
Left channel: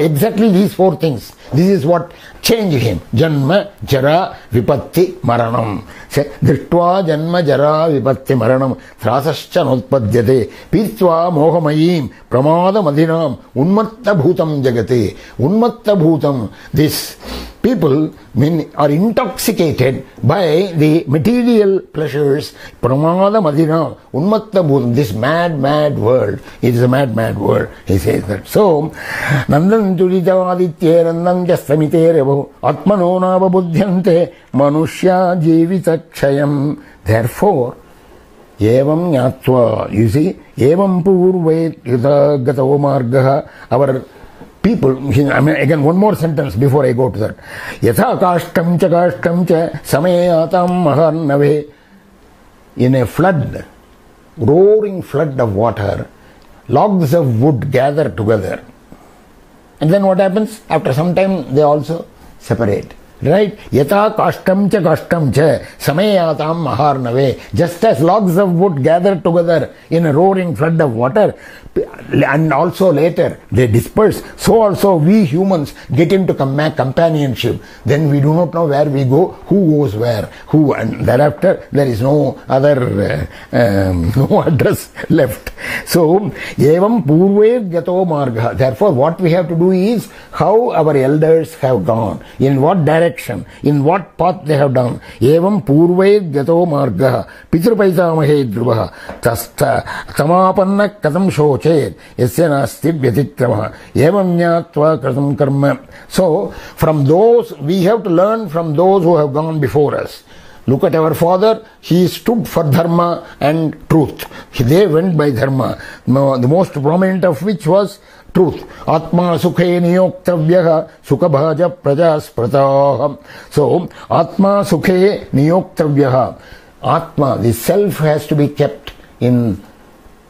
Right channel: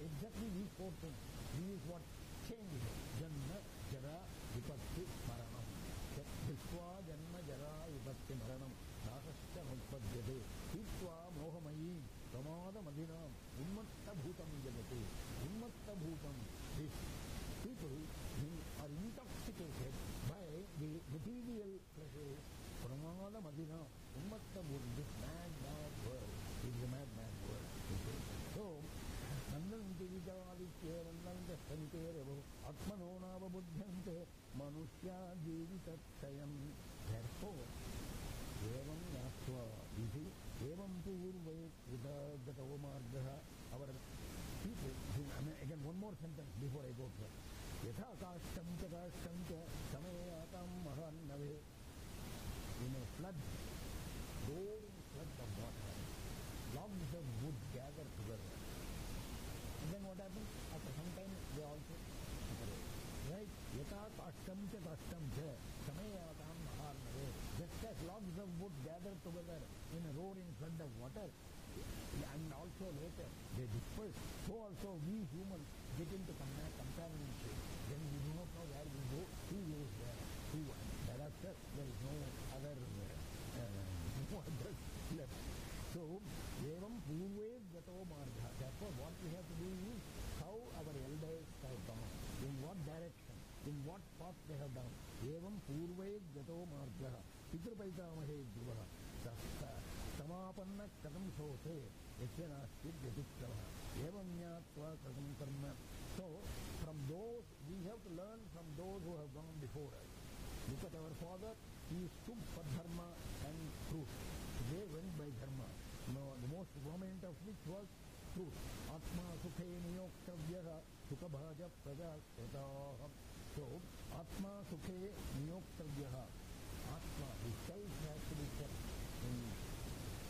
Exactly these 4 things. This is what changed him. Janma, Jara, Vipatti, Maranam. Drishtva Janma, Jara, Vipatti, Maranam. Thrasascha notpadyate. Pitva mohamayim. Pramada madhinam. Unmatta bhutam jagate. Unmatta bhutam. This people are intoxicated by the material pleasures. Pramada madhinam. Unmatta bhutam. This mad world. It is a mad world. He says that. So, Nandan Turijavaditye Nandan Jasamite Revo Atmano Nava Buddhyante Manushya Jivita Kshayam. Therefore, Evam Nyatva, you see, Evam Purve Yuta Gatav Margaha, our people, again one more sentence before I go to that. Yatha Kashtam Cha Samayatam Maharnave. In a flood, roaring flood of water, logs of wood gather together. And then what happens? After some time, they also separate. Right? Yata kashtam cha samayatam maharnave. Just as logs of wood gather together in a roaring flood of water, and also later they disperse, so also we humans get into companionship. Then we do not know where we go, who goes where, who, and thereafter there is no other no address left. So, evam purve gato marga. Therefore, what we have to do is how our elders have gone, in what direction, in what path they have done. Evam purve gato marga. Pitrupaitamahe dhruvaha. Tamapanna katam shoch. So, from those, we have to learn from those who have gone before us. Look at our father, he stood for dharma and truth. They went by dharma, the most prominent of which was truth. Atma sukhe niyoktavyaha sukabhaja prajasprataham. So, Atma sukhe niyoktavyaha. Atma, the self has to be kept in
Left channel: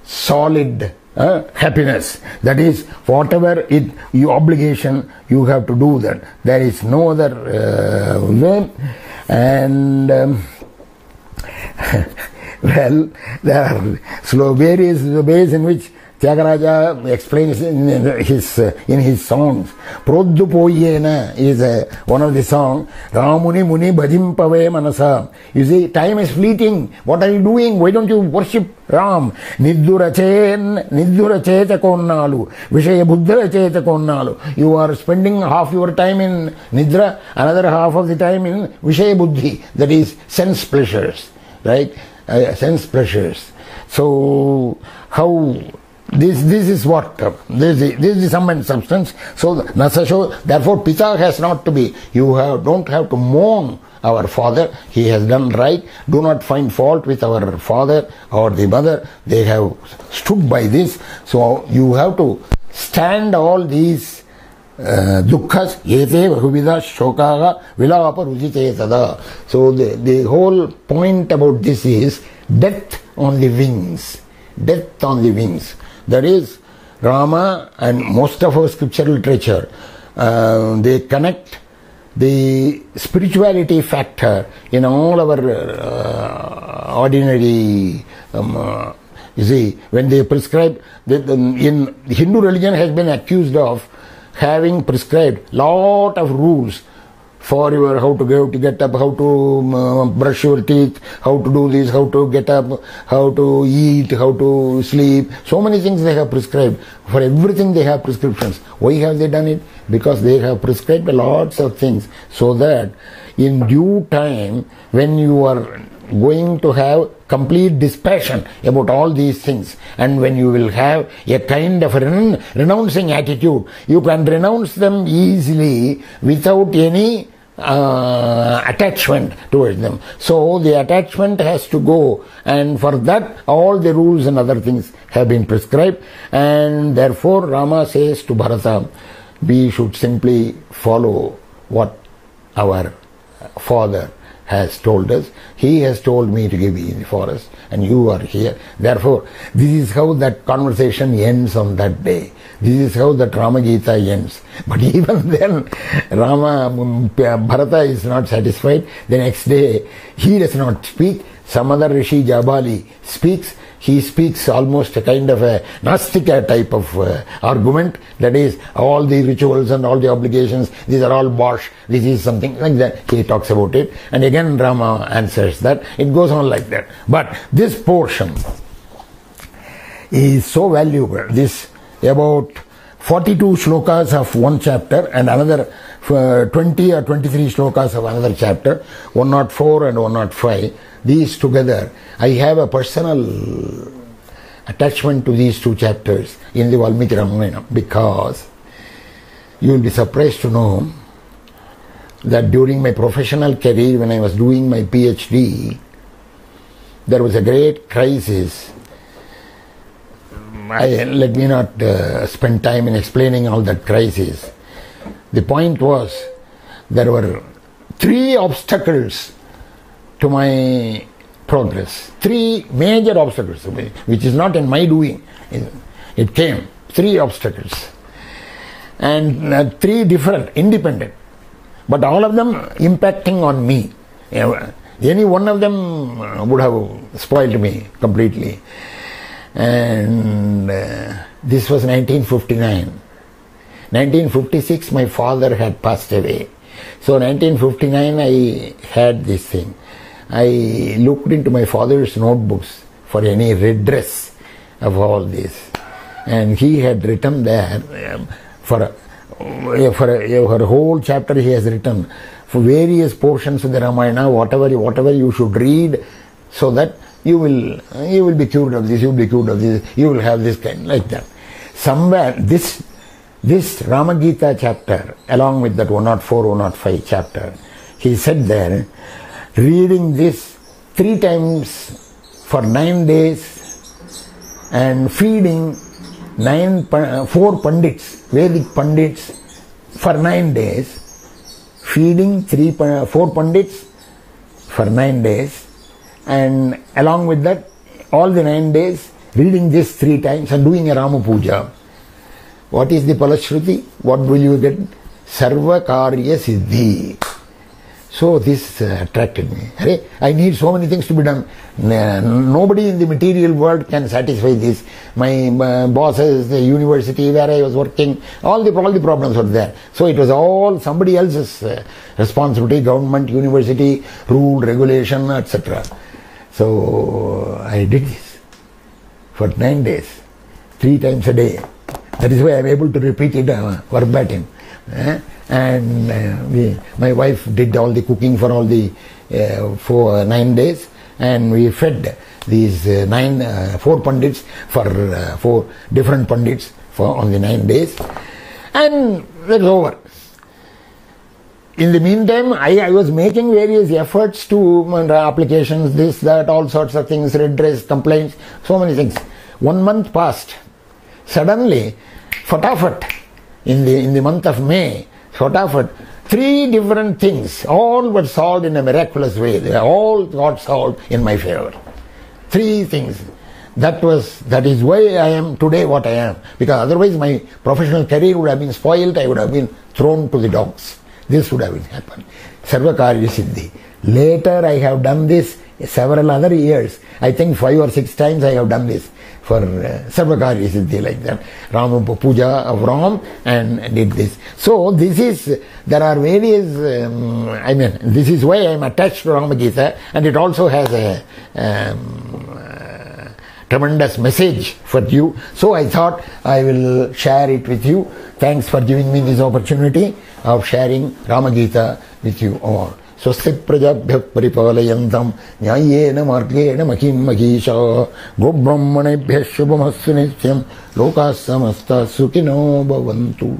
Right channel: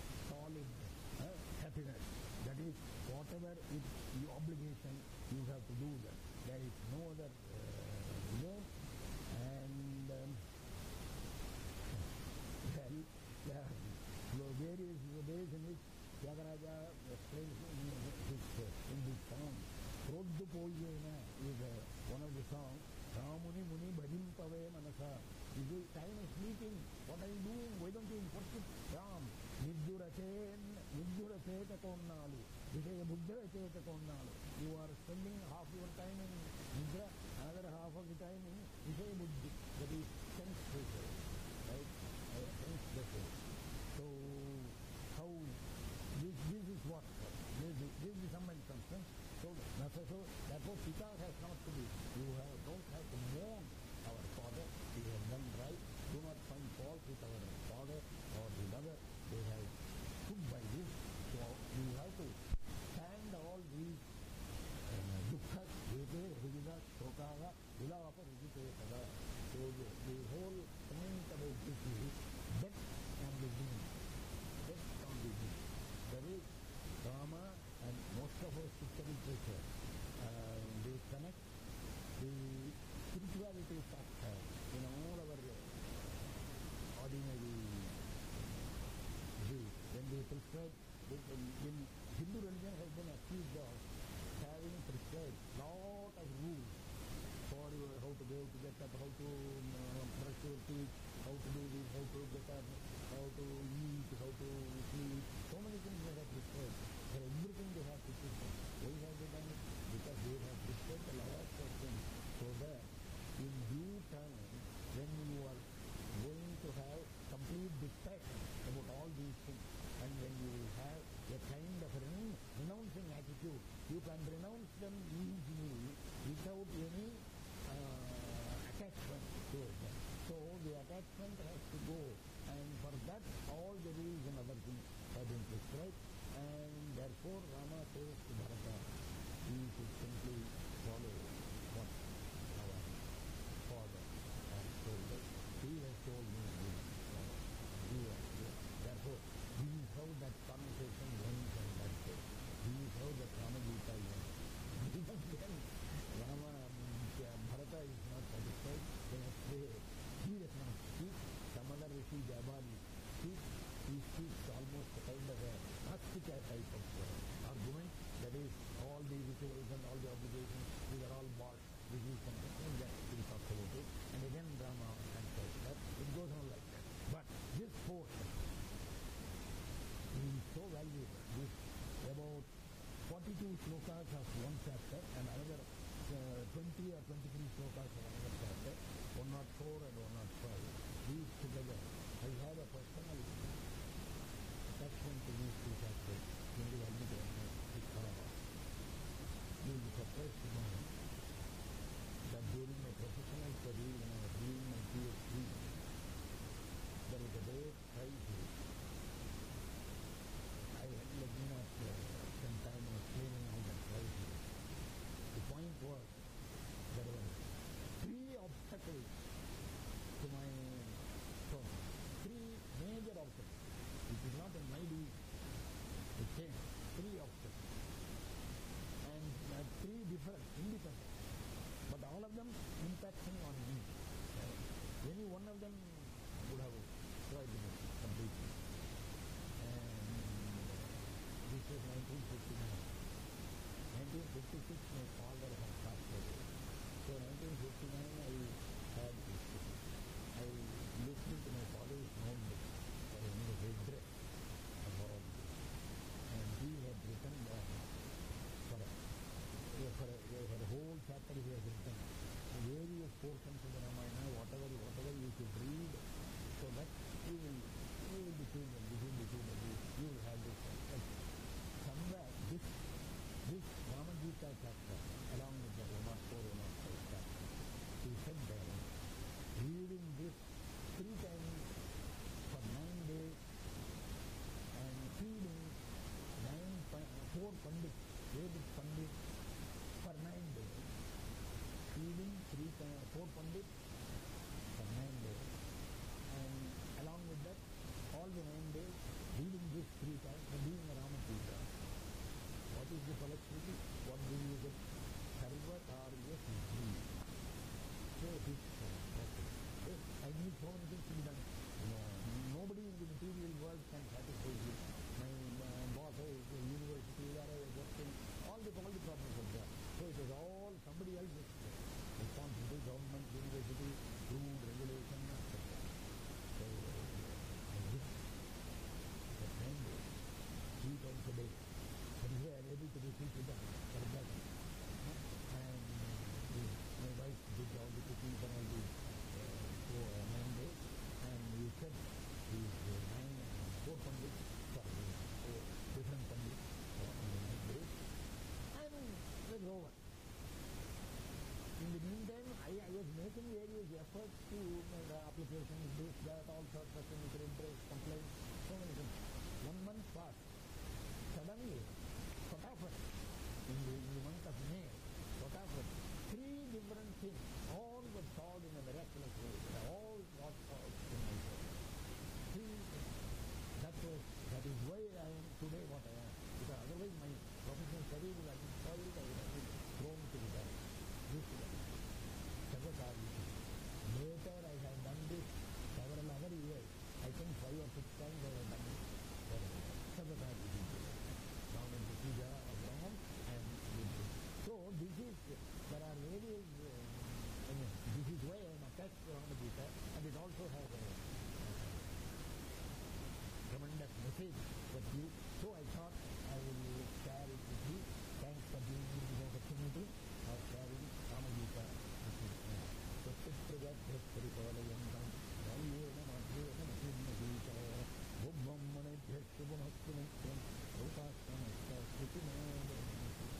solid happiness. That is, whatever your obligation, you have to do that. There is no other way. And well, there are various ways in which Tyagaraja explains in his songs. Proddu Poyena is one of the songs. Ramuni Muni Bhajim Pave Manasa. You see, time is fleeting. What are you doing? Why don't you worship Ram? Niddura Cheta Konnalu. Vishaya Buddha Cheta Konnalu. You are spending half your time in Nidra, another half of the time in Vishaya Buddhi. That is sense pleasures. Right? Sense pleasures. So, how... This is what, this is the sum and substance. So, Nasasho, therefore, Pita has not to be, don't have to mourn our father, he has done right. Do not find fault with our father or the mother, they have stood by this. So, you have to stand all these dukkhas, yete bahuvida shokaga vilapa rujite tada. So, the whole point about this is death on the wings. Death on the wings. That is, Rama and most of our scriptural literature, they connect the spirituality factor in all our ordinary, you see, when they prescribe, in Hindu religion has been accused of having prescribed lot of rules for your how to get up, how to brush your teeth, how to do this, how to get up, how to eat, how to sleep. So many things they have prescribed. For everything they have prescriptions. Why have they done it? Because they have prescribed lots of things so that in due time, when you are going to have complete dispassion about all these things, and when you will have a kind of renouncing attitude, you can renounce them easily without any attachment towards them. So the attachment has to go, and for that all the rules and other things have been prescribed, and therefore Rama says to Bharata, we should simply follow what our father has told us. He has told me to give you the forest, and you are here. Therefore, this is how that conversation ends on that day. This is how that Rama Gita ends. But even then, Bharata is not satisfied. The next day, he does not speak. Some other Rishi Jabali speaks. He speaks almost a kind of a Nastika type of argument. That is, all the rituals and all the obligations, these are all bosh. This is something like that. He talks about it. And again Rama answers that. It goes on like that. But this portion is so valuable. This about 42 shlokas of one chapter and another 20 or 23 shlokas of another chapter, 104 and 105. These together, I have a personal attachment to these two chapters in the Valmiki Ramayana, because you will be surprised to know that during my professional career, when I was doing my PhD, there was a great crisis. Let me not spend time in explaining all that crisis. The point was, there were 3 obstacles to my progress. 3 major obstacles, which is not in my doing. It came. 3 obstacles. And 3 different, independent. But all of them impacting on me. Any one of them would have spoiled me completely. And this was 1959. 1956 my father had passed away. So 1959 I had this thing. I looked into my father's notebooks for any redress of all this, and he had written there for a whole chapter. He has written for various portions of the Ramayana, whatever you should read, so that you will be cured of this, you will be cured of this, you will have this kind, like that. Somewhere this Rama Gita chapter, along with that 104, 105 chapter, he said there, reading this 3 times for 9 days and feeding 4 pandits, Vedic pandits, for 9 days, feeding 4 pandits for 9 days, and along with that, all the 9 days, reading this 3 times and doing a Rama Puja. What is the Palashruti? What will you get? Sarva Karya Siddhi. So this attracted me. I need so many things to be done. Nobody in the material world can satisfy this. My bosses, the university where I was working, all the problems were there. So it was all somebody else's responsibility, government, university, rule, regulation, etc. So I did this for 9 days, 3 times a day. That is why I am able to repeat it verbatim. And my wife did all the cooking for all the 9 days, and we fed these 4 pandits for 4 different pandits on the 9 days, and that's over. In the meantime, I was making various efforts to applications, this, that, all sorts of things, redress, complaints, so many things. 1 month passed. Suddenly, fatafat, in the month of May, fatafat, 3 different things, all were solved in a miraculous way. They all got solved in my favor. 3 things. That is why I am today what I am. Because otherwise my professional career would have been spoiled, I would have been thrown to the dogs. This would have happened. Sarva Karya Siddhi. Later I have done this several other years. I think 5 or 6 times I have done this for Sarva Karya Siddhi, like that. Rama Puja of Ram, and did this. So there are various, this is why I am attached to Rama Gita, and it also has a tremendous message for you. So I thought I will share it with you. Thanks for giving me this opportunity of sharing Rama Gita with you all. Swasti prajabhya paripalayantam nyayena margena makim mahisha go brahmanebhya shubhamastu nityam lokas samasta sukhino bhavantu.